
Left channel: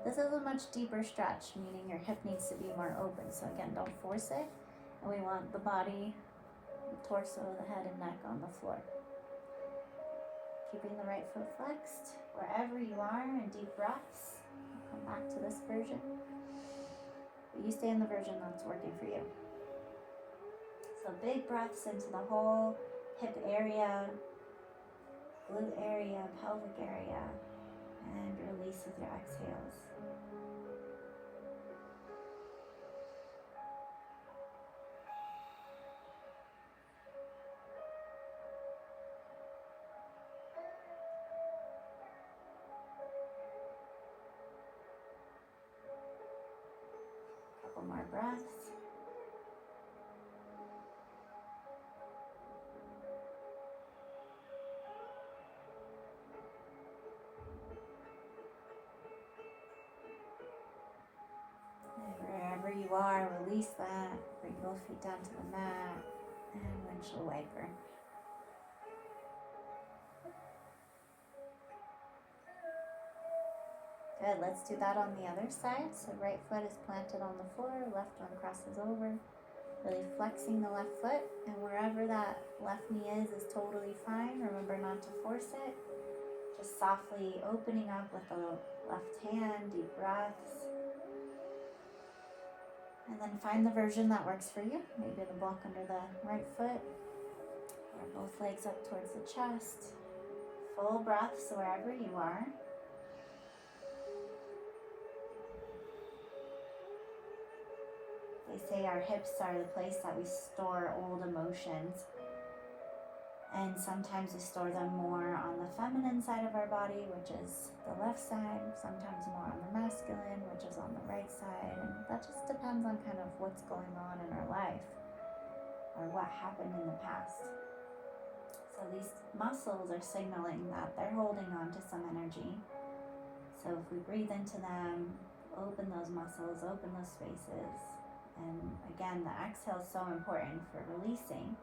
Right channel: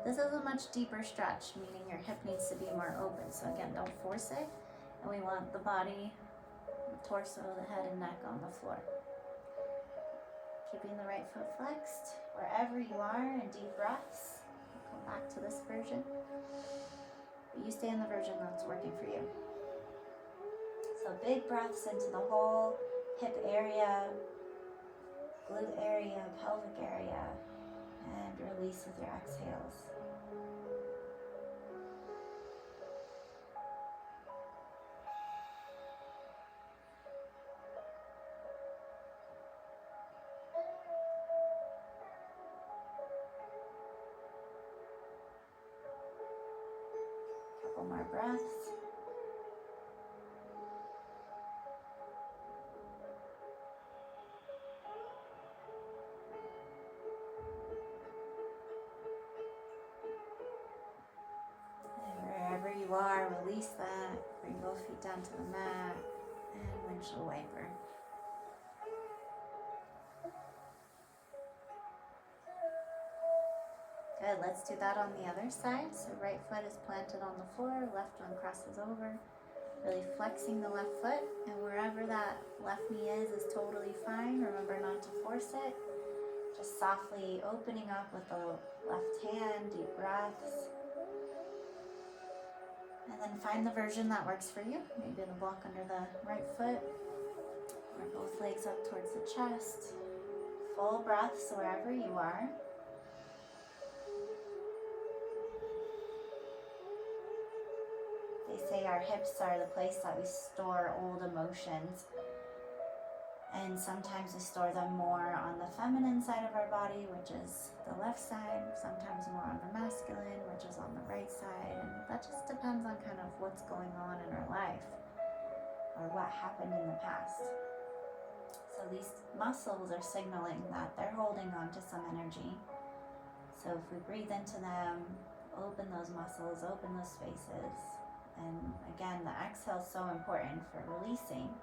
This is a much deeper stretch, meaning your hip needs to be more open. So again, don't force it. And we want the body, the torso, the head and neck on the floor. Keeping the right foot flexed wherever you are, and deep breaths. I'll come back to this version, but you stay in the version that's working for you. So big breaths into the whole hip area, glute area, pelvic area, and release with your exhales. Couple more breaths. And wherever you are, release that. Bring both feet down to the mat and windshield wiper. Good, let's do that on the other side. So right foot is planted on the floor, left arm crosses over. Really flexing the left foot, and wherever that left knee is totally fine. Remember not to force it. Just softly opening up with the left hand, deep breaths. And then find the version that works for you. Maybe the block under the right foot, or both legs up towards the chest. Full breaths wherever you are. They say our hips are the place that we store old emotions. And sometimes we store them more on the feminine side of our body, which is the left side. Sometimes more on the masculine, which is on the right side. And that just depends on kind of what's going on in our life or what happened in the past. So these muscles are signaling that they're holding on to some energy. So if we breathe into them, open those muscles, open those spaces. And again, the exhale is so important for releasing.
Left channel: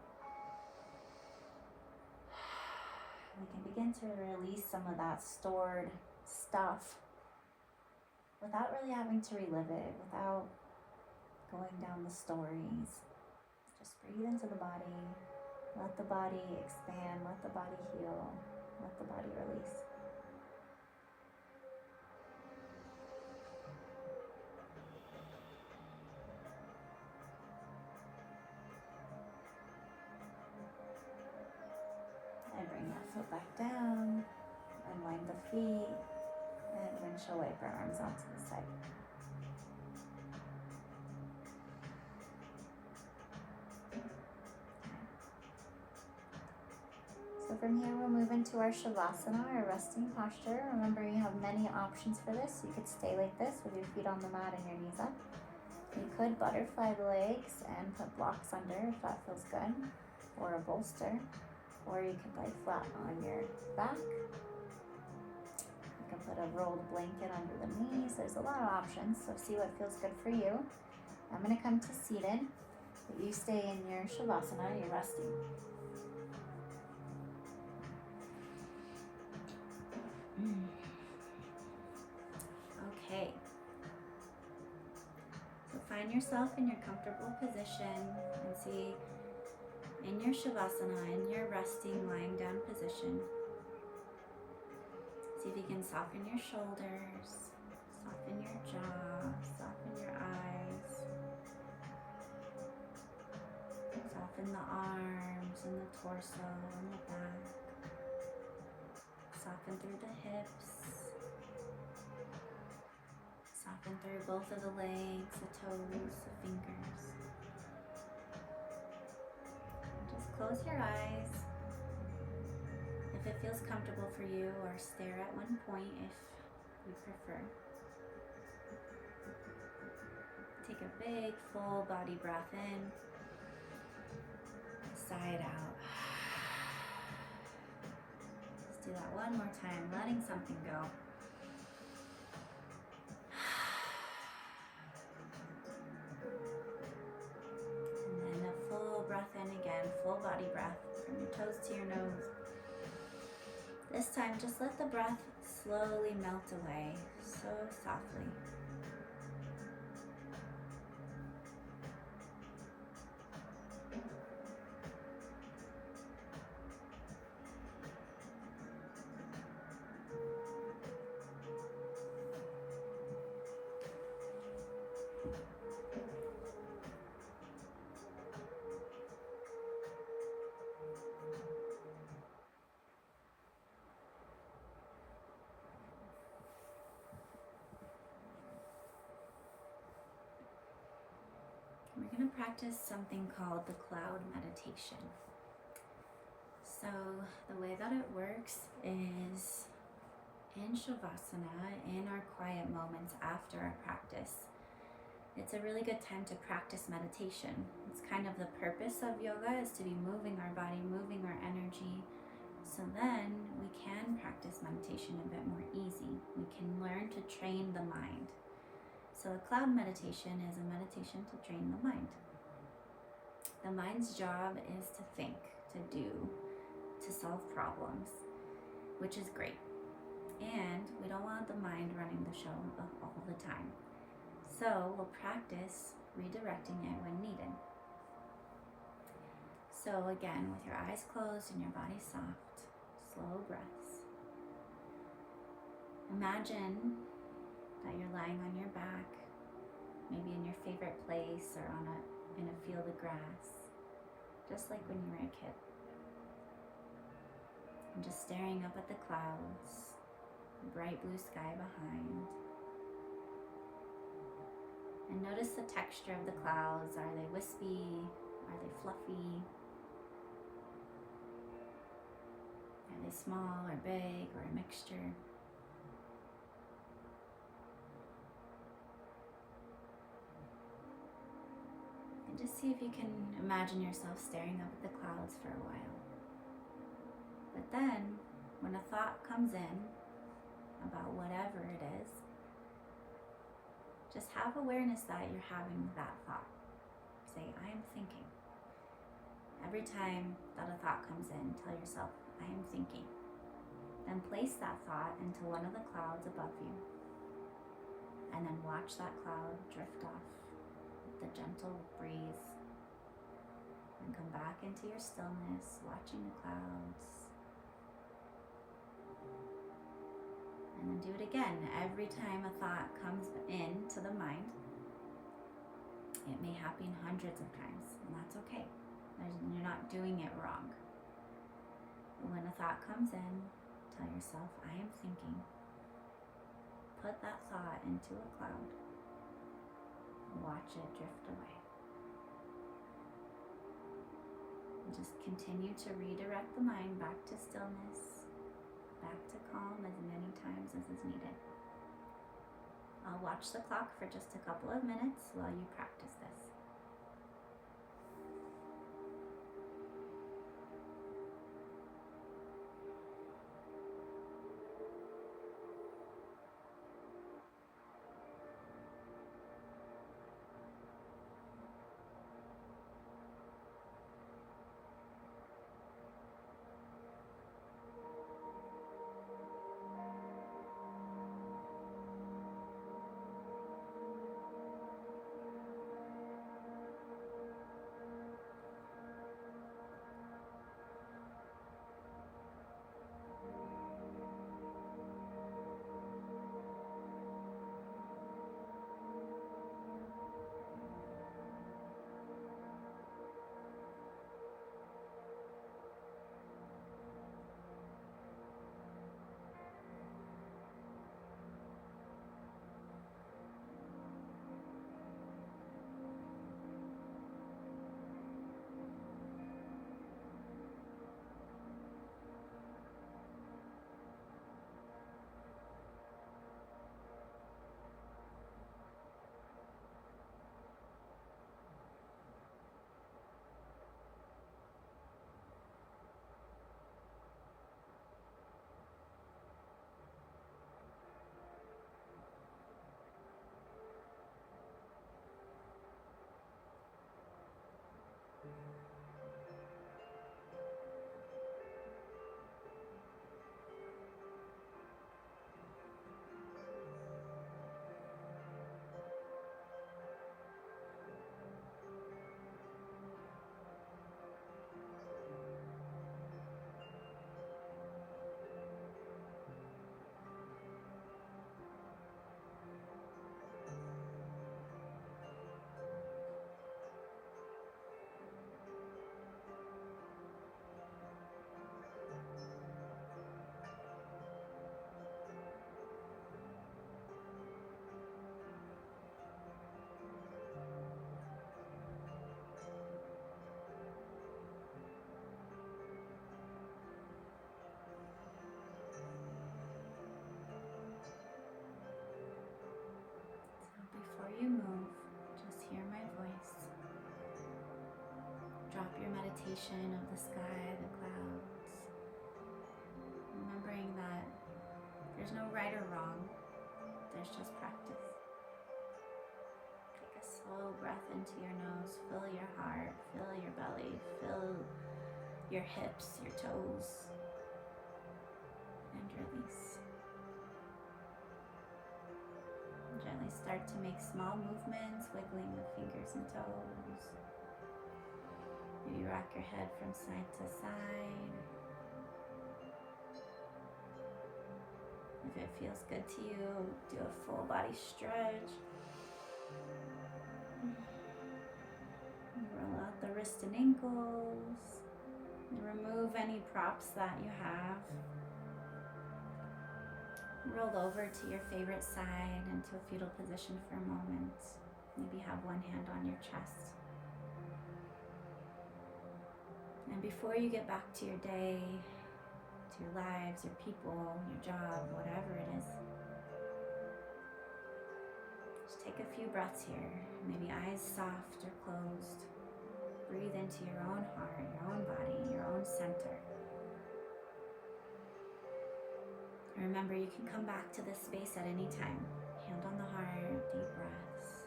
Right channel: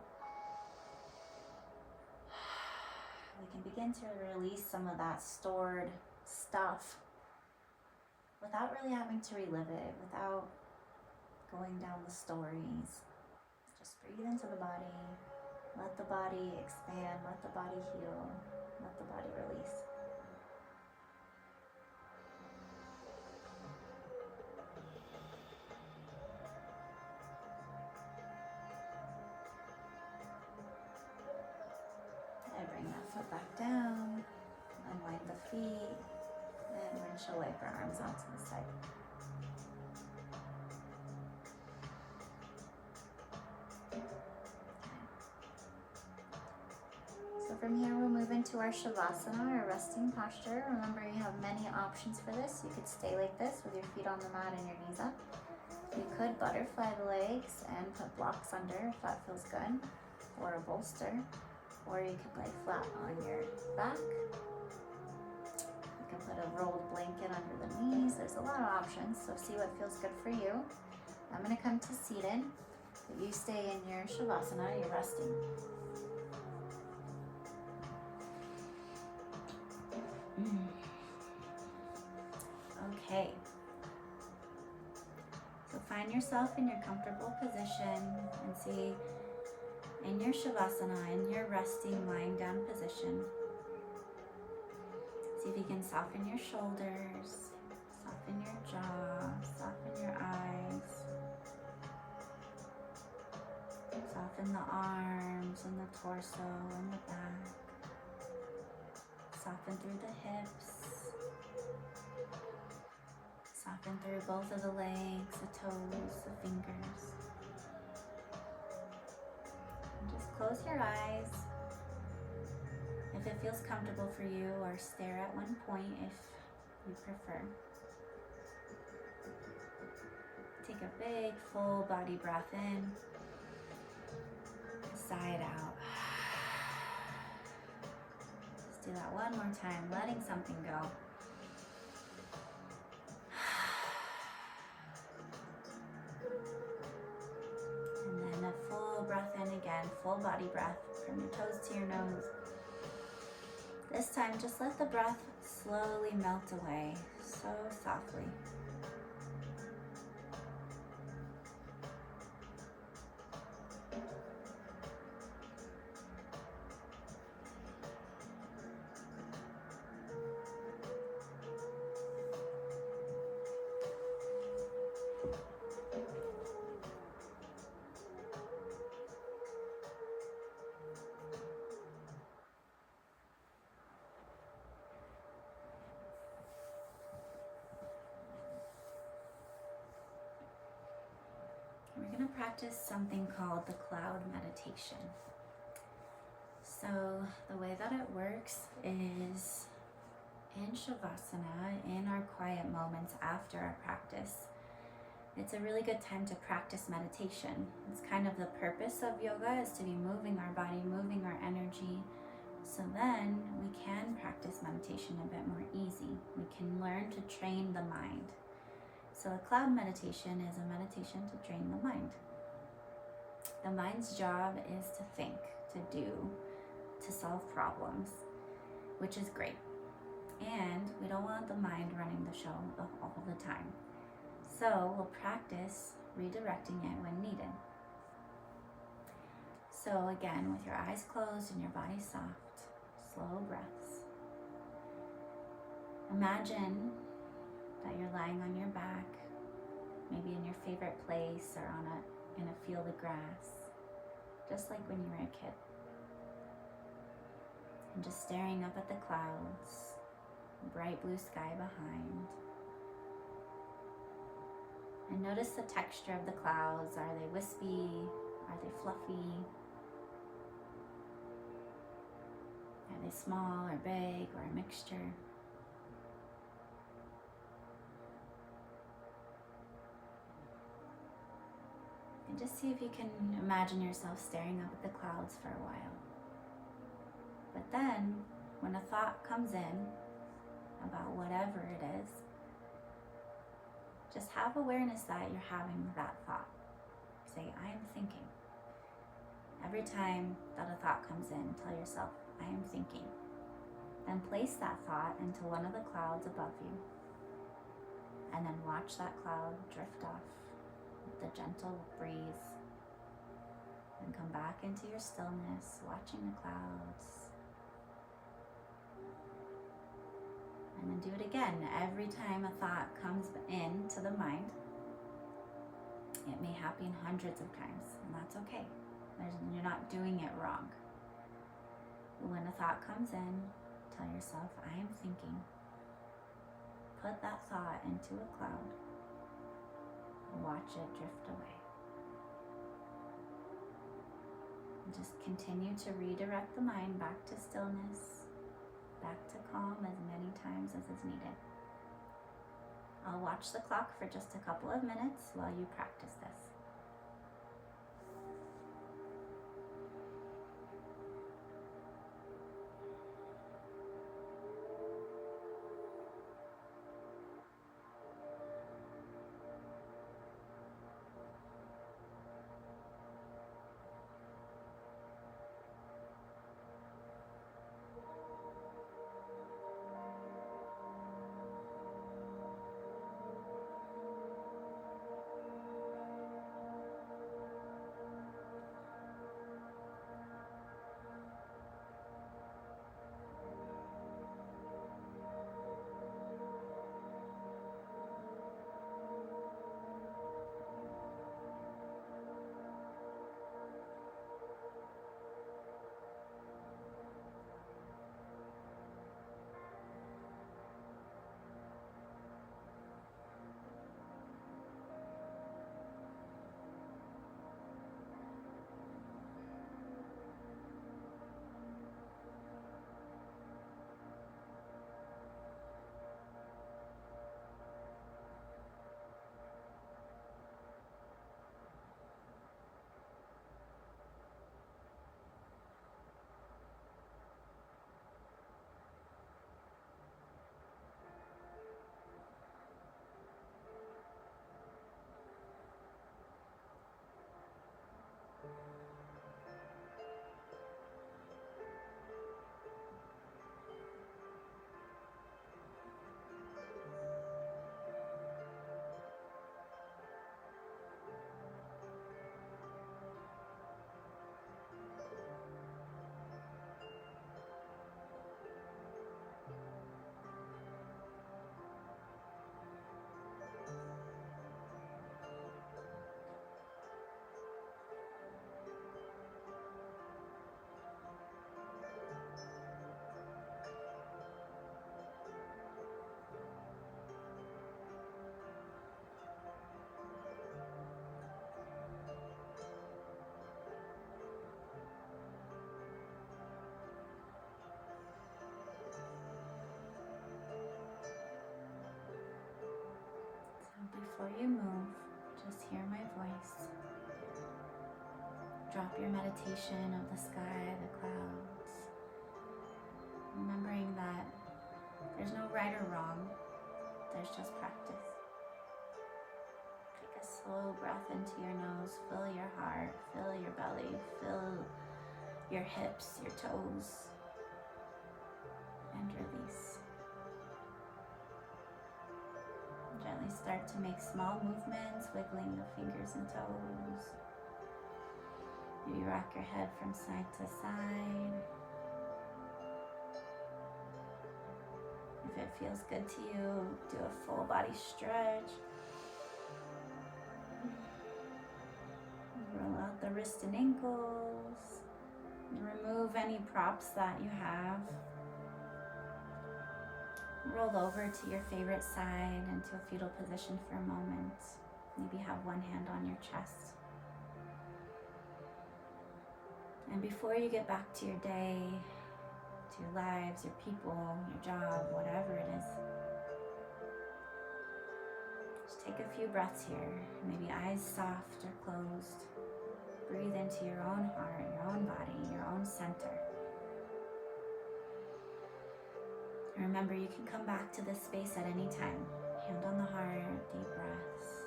We can begin to release some of that stored stuff without really having to relive it, without going down the stories. Just breathe into the body, let the body expand, let the body heal, let the body release. And bring that foot back down, unwind the feet, and windshield wiper arms onto the side. So from here we'll move into our Shavasana, our resting posture. Remember, you have many options for this. You could stay like this with your feet on the mat and your knees up. You could butterfly the legs and put blocks under if that feels good, or a bolster. Or you could lay flat on your back. You can put a rolled blanket under the knees. There's a lot of options, so see what feels good for you. I'm going to come to seated, but you stay in your Shavasana, you're resting. Okay. So find yourself in your comfortable position and see in your Shavasana, in your resting, lying down position. See if you can soften your shoulders, soften your jaw, soften your eyes, soften the arms and the torso and the back, soften through the hips, soften through both of the legs, the toes, the fingers. Close your eyes if it feels comfortable for you, or stare at one point if you prefer. Take a big full body breath in, sigh it out. Let's do that one more time, letting something go. Breath in again, full body breath from your toes to your nose. This time, just let the breath slowly melt away, so softly. going to practice something called the cloud meditation. So the way that it works is in Shavasana, in our quiet moments after our practice. It's a really good time to practice meditation. It's kind of the purpose of yoga, is to be moving our body, moving our energy. So then we can practice meditation a bit more easy. We can learn to train the mind. So a cloud meditation is a meditation to train the mind. The mind's job is to think, to do, to solve problems, which is great. And we don't want the mind running the show all the time. So we'll practice redirecting it when needed. So again, with your eyes closed and your body soft, slow breaths. Imagine that you're lying on your back, maybe in your favorite place or in a field of grass, just like when you were a kid. And just staring up at the clouds, bright blue sky behind. And notice the texture of the clouds. Are they wispy? Are they fluffy? Are they small or big or a mixture? And just see if you can imagine yourself staring up at the clouds for a while. But then, when a thought comes in about whatever it is, just have awareness that you're having that thought. Say, I am thinking. Every time that a thought comes in, tell yourself, I am thinking. Then place that thought into one of the clouds above you. And then watch that cloud drift off with the gentle breeze. And come back into your stillness, watching the clouds. And then do it again. Every time a thought comes into the mind, it may happen hundreds of times, and that's okay. You're not doing it wrong. But when a thought comes in, tell yourself, I am thinking. Put that thought into a cloud and watch it drift away. And just continue to redirect the mind back to stillness, back to calm as many times as is needed. I'll watch the clock for just a couple of minutes while you practice this. backdrop, your meditation of the sky, the clouds. Remembering that there's no right or wrong, there's just practice. Take a slow breath into your nose, fill your heart, fill your belly, fill your hips, your toes, and release. Gently start to make small movements, wiggling the fingers and toes. Maybe rock your head from side to side. If it feels good to you, do a full body stretch. Roll out the wrists and ankles. Remove any props that you have. Roll over to your favorite side into a fetal position for a moment. Maybe have one hand on your chest. And before you get back to your day, to your lives, your people, your job, whatever it is, just take a few breaths here. Maybe eyes soft or closed. Breathe into your own heart, your own body, your own center. And remember, you can come back to this space at any time. Hand on the heart, deep breaths.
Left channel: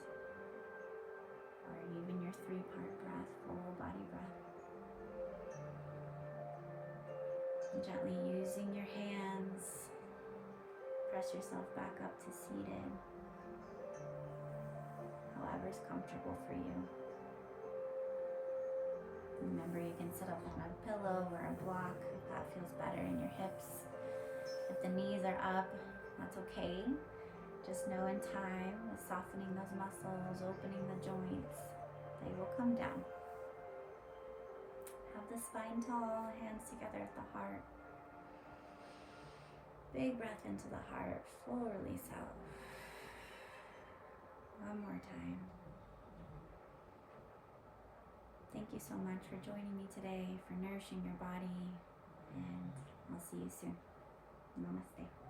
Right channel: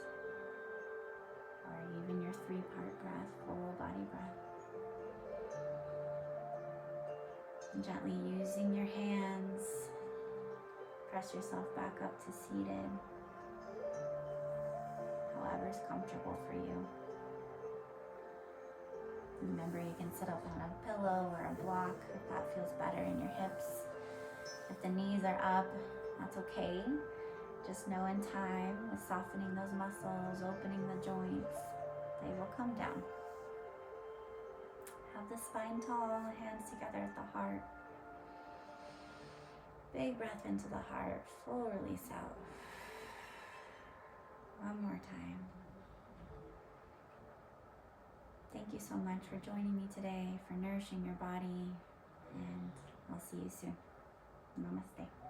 Or even your 3-part breath, full body breath. And gently using your hands, press yourself back up to seated. However's comfortable for you. Remember, you can sit up on a pillow or a block if that feels better in your hips. If the knees are up, that's okay. Just know in time, with softening those muscles, opening the joints, they will come down. Have the spine tall, hands together at the heart. Big breath into the heart, full release out. One more time. Thank you so much for joining me today, for nourishing your body, and I'll see you soon. Namaste.